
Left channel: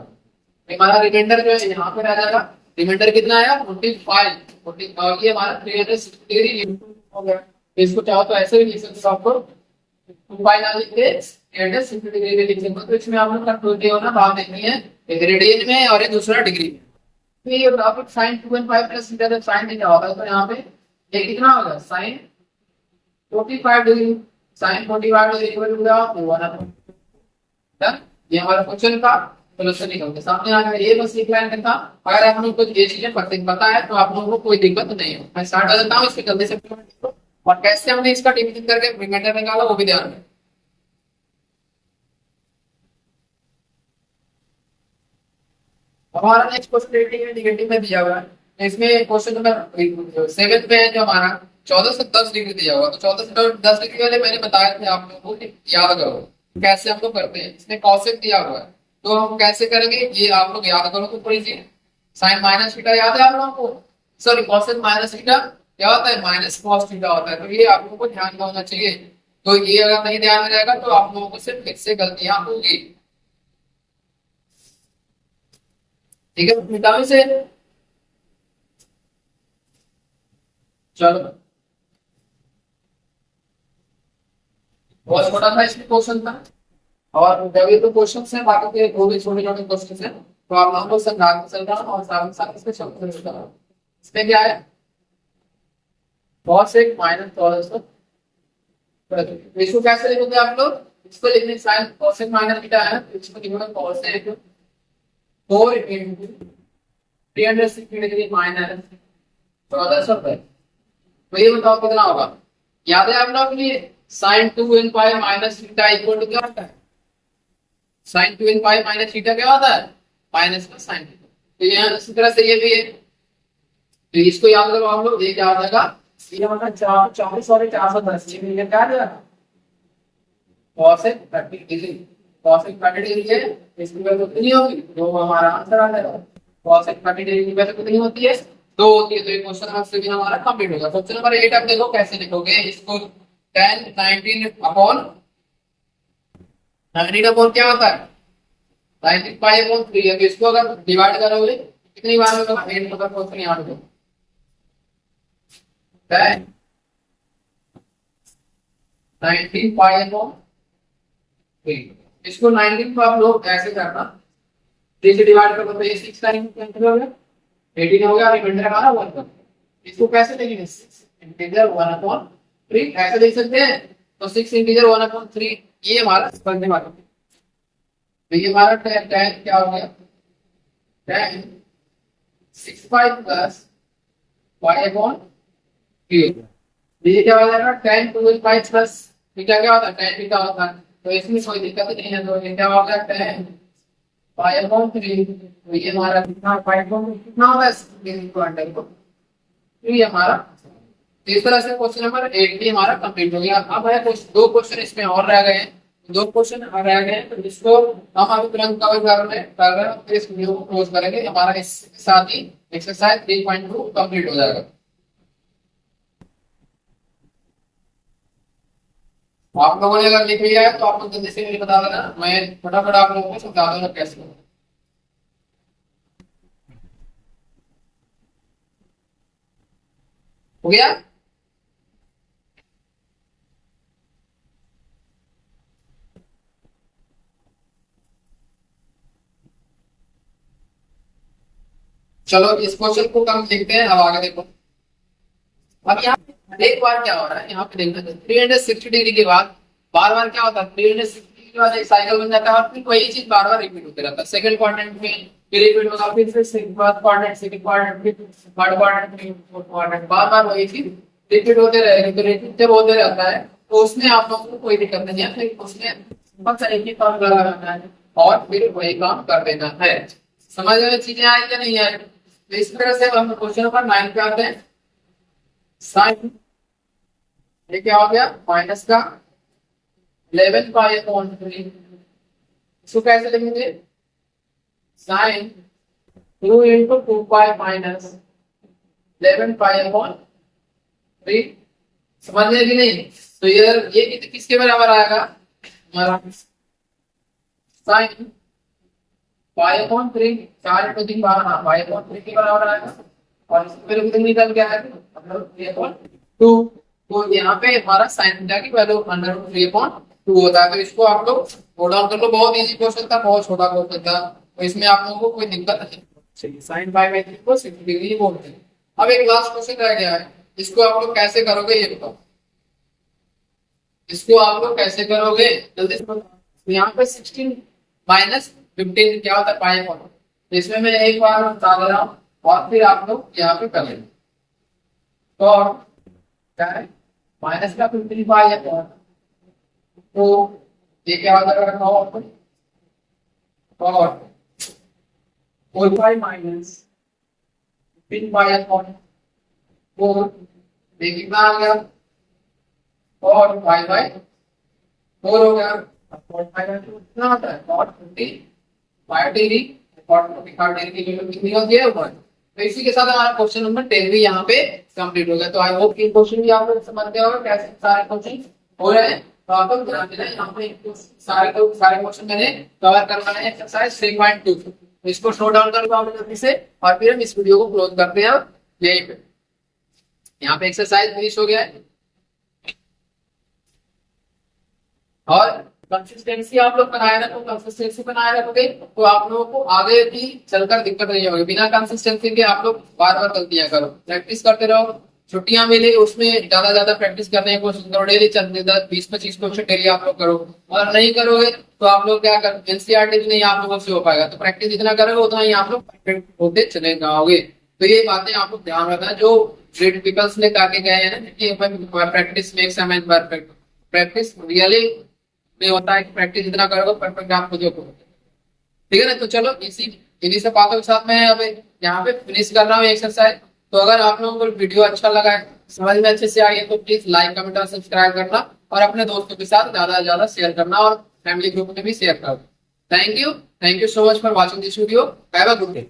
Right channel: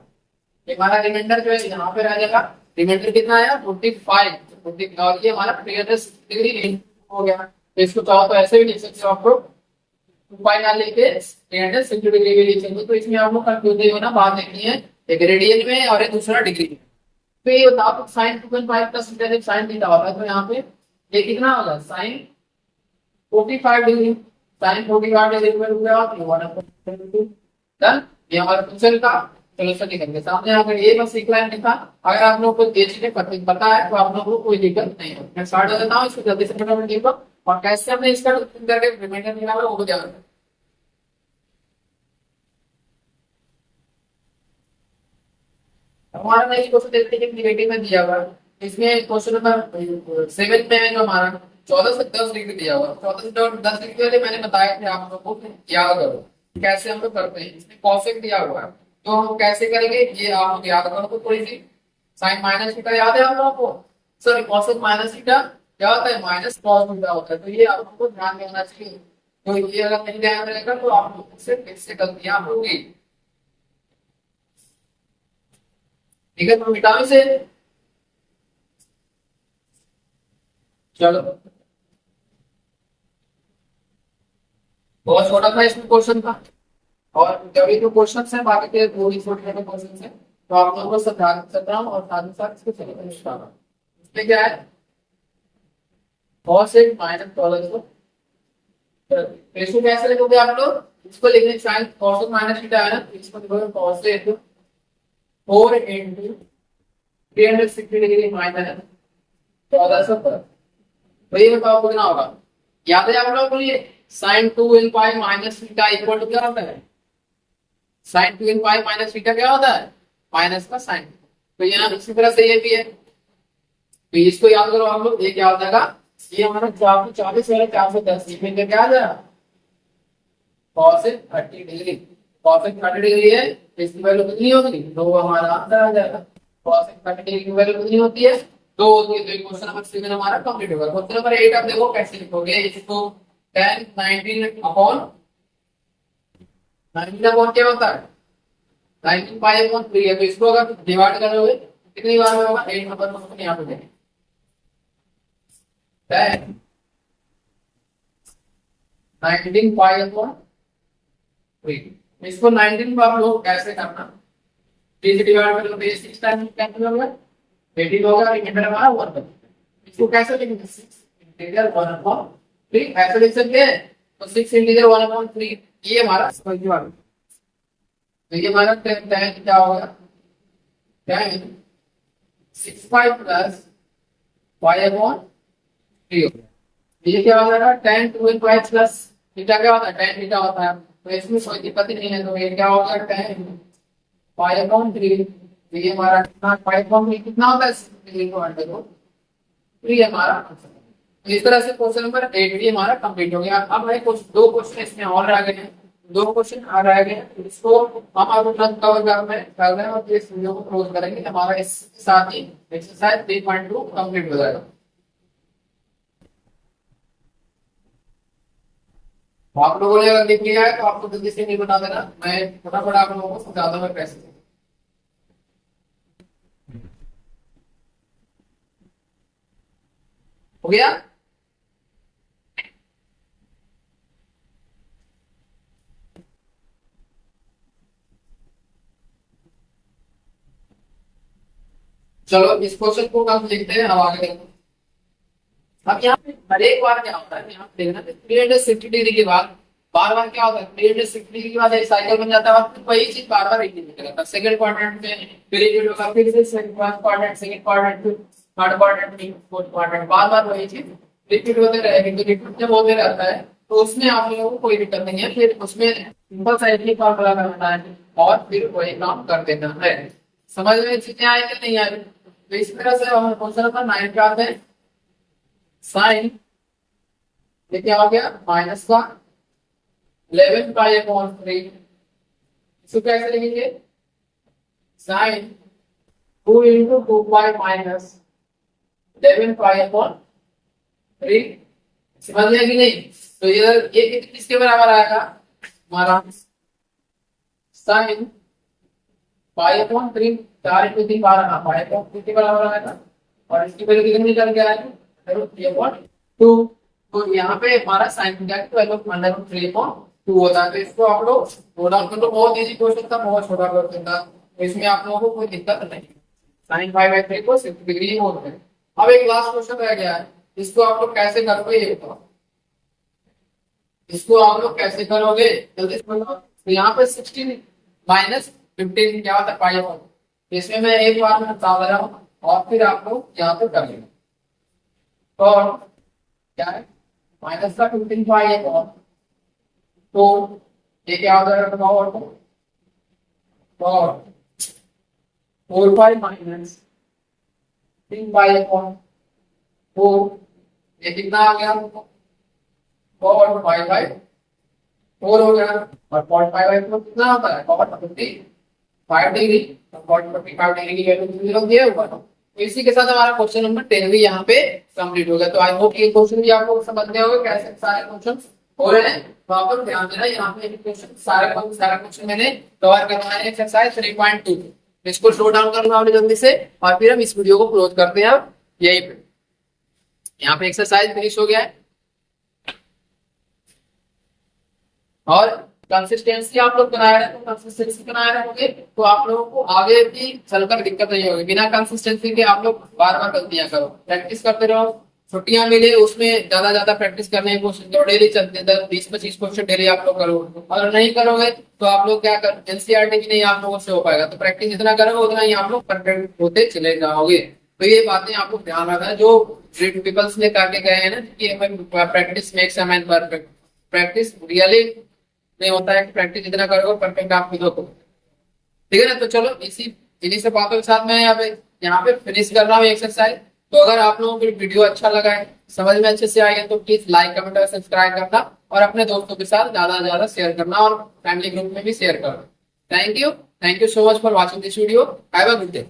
हमारा रिमाइंडर जो है यहाँ पे रह जाएगा। रिमाइंडर कितना आया 45, और ये हमारा 360 डिग्री इंटू हो गया। तो इसको चाहो तो ऐसे भी लिख सकते हो, आपको 2 पाई ना लिखे 360 डिग्री भी लिख सकते हो। तो इसमें आप लोग कंफ्यूज नहीं होना, बात देखनी है एक रेडियन में और एक दूसरा डिग्री में। तो ये होता है sine 2n pi plus theta, जब साइन थीटा होता है तो यहाँ पे ये कितना होगा sine 45 degree, sine 45 degree equal to क्या होगा 1/2। डन, ये हमारा क्वेश्चन था। चलो सर निकल के सामने आ गया, ये बस एक लाइन में था। अगर आप लोगों को ये चीजें पता है तो आप लोगों को कोई दिक्कत नहीं हो। मैं स्टार्ट कर देता हूँ, इसको जल्दी से फटाफट देखो और कैसे हमने इसका डिवीजन करके रिमाइंडर निकाला वो भी ध्यान में। हमारा नेक्स्ट क्वेश्चन देखते हैं, निगेटिव में दिया हुआ है। तो इसमें क्वेश्चन नंबर 7 पे है जो हमारा 14 से 10 डिग्री दिया हुआ। तो 14 से 10 डिग्री वाले मैंने बताया थे आप लोगों को कि याद करो कैसे हम लोग करते हैं। इसमें कॉसेक दिया हुआ है तो हम कैसे करेंगे ये आप लोग याद करो। तो थोड़ी सी साइन माइनस थीटा याद है आप लोगों को, सॉरी कॉसेक माइनस थीटा क्या होता है, माइनस कॉस थीटा होता है। तो ये आप लोगों को ध्यान में होना चाहिए। तो ये अगर नहीं ध्यान में रहेगा तो आप लोगों को सिर्फ इससे गलतियां होगी, ठीक है। तो मिटाओ इसे, चलो बहुत छोटा था इसमें क्वेश्चन था, और जब ये तो क्वेश्चन है बाकी के वो भी छोटे छोटे क्वेश्चन है, तो आप लोगों को समझा चल रहा हूँ और साथ ही साथ इसके सॉल्यूशन बता रहा हूँ। इसमें क्या है cos एक माइनस 1400, तो इसको कैसे लिखोगे आप लोग, इसको लिखने साइन cos एक माइनस थीटा है ना, तो इसको लिखोगे cos एक 4 इंटू 360 डिग्री माइनस 1400। तो ये बताओ कितना होगा, याद है आप लोगों को ये sine 2n pi minus theta equal to क्या होता है, sine 2n pi minus theta क्या होता है माइनस का साइन थीटा। तो यहाँ इसी तरह से ये भी है, तो इसको याद करो आप लोग, ये क्या हो जाएगा, ये हमारा 440 और 410 ये मिलकर क्या आ जाएगा cos 30 डिग्री, cos 30 डिग्री है, इसकी वैल्यू कितनी होगी 2, हमारा आंसर आ जाएगा। cos 30 डिग्री की वैल्यू कितनी होती है 2 होती है। तो ये क्वेश्चन नंबर 7 हमारा कंप्लीट होगा। क्वेश्चन नंबर 8 आप देखो कैसे लिखोगे इसको, 10 19 अपॉन 19 अपॉन क्या होता है 19 पाई अपॉन 3 है। तो इसको अगर डिवाइड करोगे कितनी बार में होगा 8 नंबर क्वेश्चन यहाँ पे। tan 19 पाई अपॉन 3। इसको 19 को आप लोग ऐसे करना, 3 से डिवाइड करो तो ये 6 टाइम कैंसिल हो गया, 18 हो गया, रिमाइंडर हमारा 1 बचा। इसको कैसे लिखेंगे, 6 इंटीजर 1 अपॉन 3 ऐसे लिख सकते हैं। तो 6 इंटीजर 1 अपॉन 3 ये हमारा समझने वाला। तो ये हमारा tan क्या हो गया, tan 6 pi plus pi upon 3 हो गया। ये क्या हो जाएगा, tan 2 पाई प्लस थीटा क्या होता है, tan थीटा होता है। तो इसमें कोई दिक्कत ही नहीं है। तो ये क्या हो गया, tan पाई अपॉन 3। तो ये हमारा कितना, पाई अपॉन 3 कितना होता है, 3 हमारा। तो इस तरह से क्वेश्चन नंबर 8 भी हमारा कंप्लीट हो गया। अब है कुछ 2 क्वेश्चन इसमें और रह गए हैं, 2 क्वेश्चन और रह गए हैं, तो इसको हम अब तुरंत कवर कर रहे हैं और फिर इस वीडियो को क्लोज करेंगे। हमारा इस साथ ही एक्सरसाइज 3.2 कंप्लीट हो जाएगा। आप लोगों ने अगर लिख लिया है तो आप लोग जल्दी से मुझे बता देना, मैं फटाफट आप लोगों को समझा दूंगा कैसे। हो गया, चलो इस क्वेश्चन को हम लिखते हैं। अब आगे देखो, अब यहाँ पे हर एक बार क्या हो रहा है, यहाँ पे देखना 360 डिग्री के बाद बार बार क्या होता है, 360 डिग्री के बाद एक साइकिल बन जाता है और फिर वही चीज बार बार रिपीट होते रहता है। सेकंड क्वाड्रेंट में फिर रिपीट होगा, फिर से फर्स्ट क्वाड्रेंट, सेकंड क्वाड्रेंट, फिर थर्ड क्वाड्रेंट, फिर फोर्थ क्वाड्रेंट, बार बार वही चीज रिपीट होते रहेगी। तो रिपीट जब होते रहता है तो उसमें आप लोगों को कोई दिक्कत नहीं है, फिर उसमें सिंपल सा एक ही फॉर्मूला लगाना है और फिर वही काम कर देना है। समझ में चीजें आई या नहीं आई। तो इस तरह से हम क्वेश्चन नंबर 9 पे आते हैं। साइन ये क्या हो गया, माइनस का 11 पाई अपॉन 3। इसको कैसे लिखेंगे, sine 2 into 2 pi minus 11 pi upon 3। समझ गया कि नहीं। तो ये किसके बराबर आएगा, हमारा साइन पाई अपॉन 3, 4 इंटू 3 12, हाँ पाई अपॉन 3 के बराबर आएगा। और इसकी वैल्यू कितनी निकल के आएगी, √3/2। तो यहाँ पे हमारा साइन थीटा की वैल्यू √3/2 होता है। तो इसको आप लोग नोट डाउन कर लो। बहुत इजी क्वेश्चन था, बहुत छोटा क्वेश्चन था, तो इसमें आप लोगों को कोई दिक्कत नहीं। साइन π/3 को 60 डिग्री बोलते हैं। अब एक लास्ट क्वेश्चन रह गया है, इसको आप लोग कैसे करोगे ये बताओ। इसको आप लोग कैसे करोगे जल्दी से बताओ। तो यहाँ पे 16 माइनस 15 क्या होता है, π/4। इसमें मैं एक बार बता दे रहा हूँ और फिर आप लोग यहाँ पे कर लेंगे। और क्या है, माइनस का 15 पाई अपॉन, तो ये क्या हो जाएगा, और 4 पाई माइनस 15 पाई अपॉन 4, ये कितना आ गया, और 5/4 हो गया। और 5/4 कितना होता है, cot 45 डिग्री। cot 45 डिग्री की वैल्यू कितनी होती है, 1। तो इसी के साथ हमारा क्वेश्चन नंबर 10 भी यहाँ पे कंप्लीट हो गया। तो आई होप ये क्वेश्चन भी आप लोग समझ गए होंगे कैसे सारे क्वेश्चन हो रहे हैं। तो आप लोग ध्यान देना, यहाँ पे क्वेश्चन सारे क्वेश्चन मैंने कवर करवाए हैं एक्सरसाइज 3.2। इसको स्लो डाउन कर लो आपने जल्दी से और फिर हम इस वीडियो को क्लोज करते हैं यहीं पे। यहाँ पे एक्सरसाइज फिनिश हो गया है और कंसिस्टेंसी आप लोग बनाए रखो। कंसिस्टेंसी बनाए रखोगे तो आप लोगों को आगे भी चलकर दिक्कत नहीं होगी। बिना कंसिस्टेंसी के आप लोग बार बार गलतियां करो, प्रैक्टिस करते रहो। छुट्टियां मिले उसमें ज्यादा प्रैक्टिस करने की कोशिश करो। डेली 20-25 क्वेश्चन डेली आप लोग करो। अगर नहीं करोगे तो आप लोग क्या कर, एनसीईआरटी भी नहीं आप लोगों से हो पाएगा। तो प्रैक्टिस जितना करोगे उतना ही आप लोग परफेक्ट होते चले जाओगे। तो ये बातें आप लोग ध्यान रखना, जो ग्रेट पीपल्स ने करके गए हैं ना कि practice makes a man perfect. Practice really नहीं होता है कि प्रैक्टिस जितना करोगे परफेक्ट आप खुद हो। ठीक है ना। तो चलो इन्हीं से बातों के साथ मैं अब यहाँ पे फिनिश कर रहा हूँ एक्सरसाइज। तो अगर आप लोगों को वीडियो अच्छा लगा है, समझ में अच्छे से आई है, तो प्लीज लाइक कमेंट और सब्सक्राइब करना और अपने दोस्तों के साथ ज्यादा से ज्यादा शेयर करना और फैमिली ग्रुप में भी शेयर करना। Thank you so much for watching this video. Have a good day.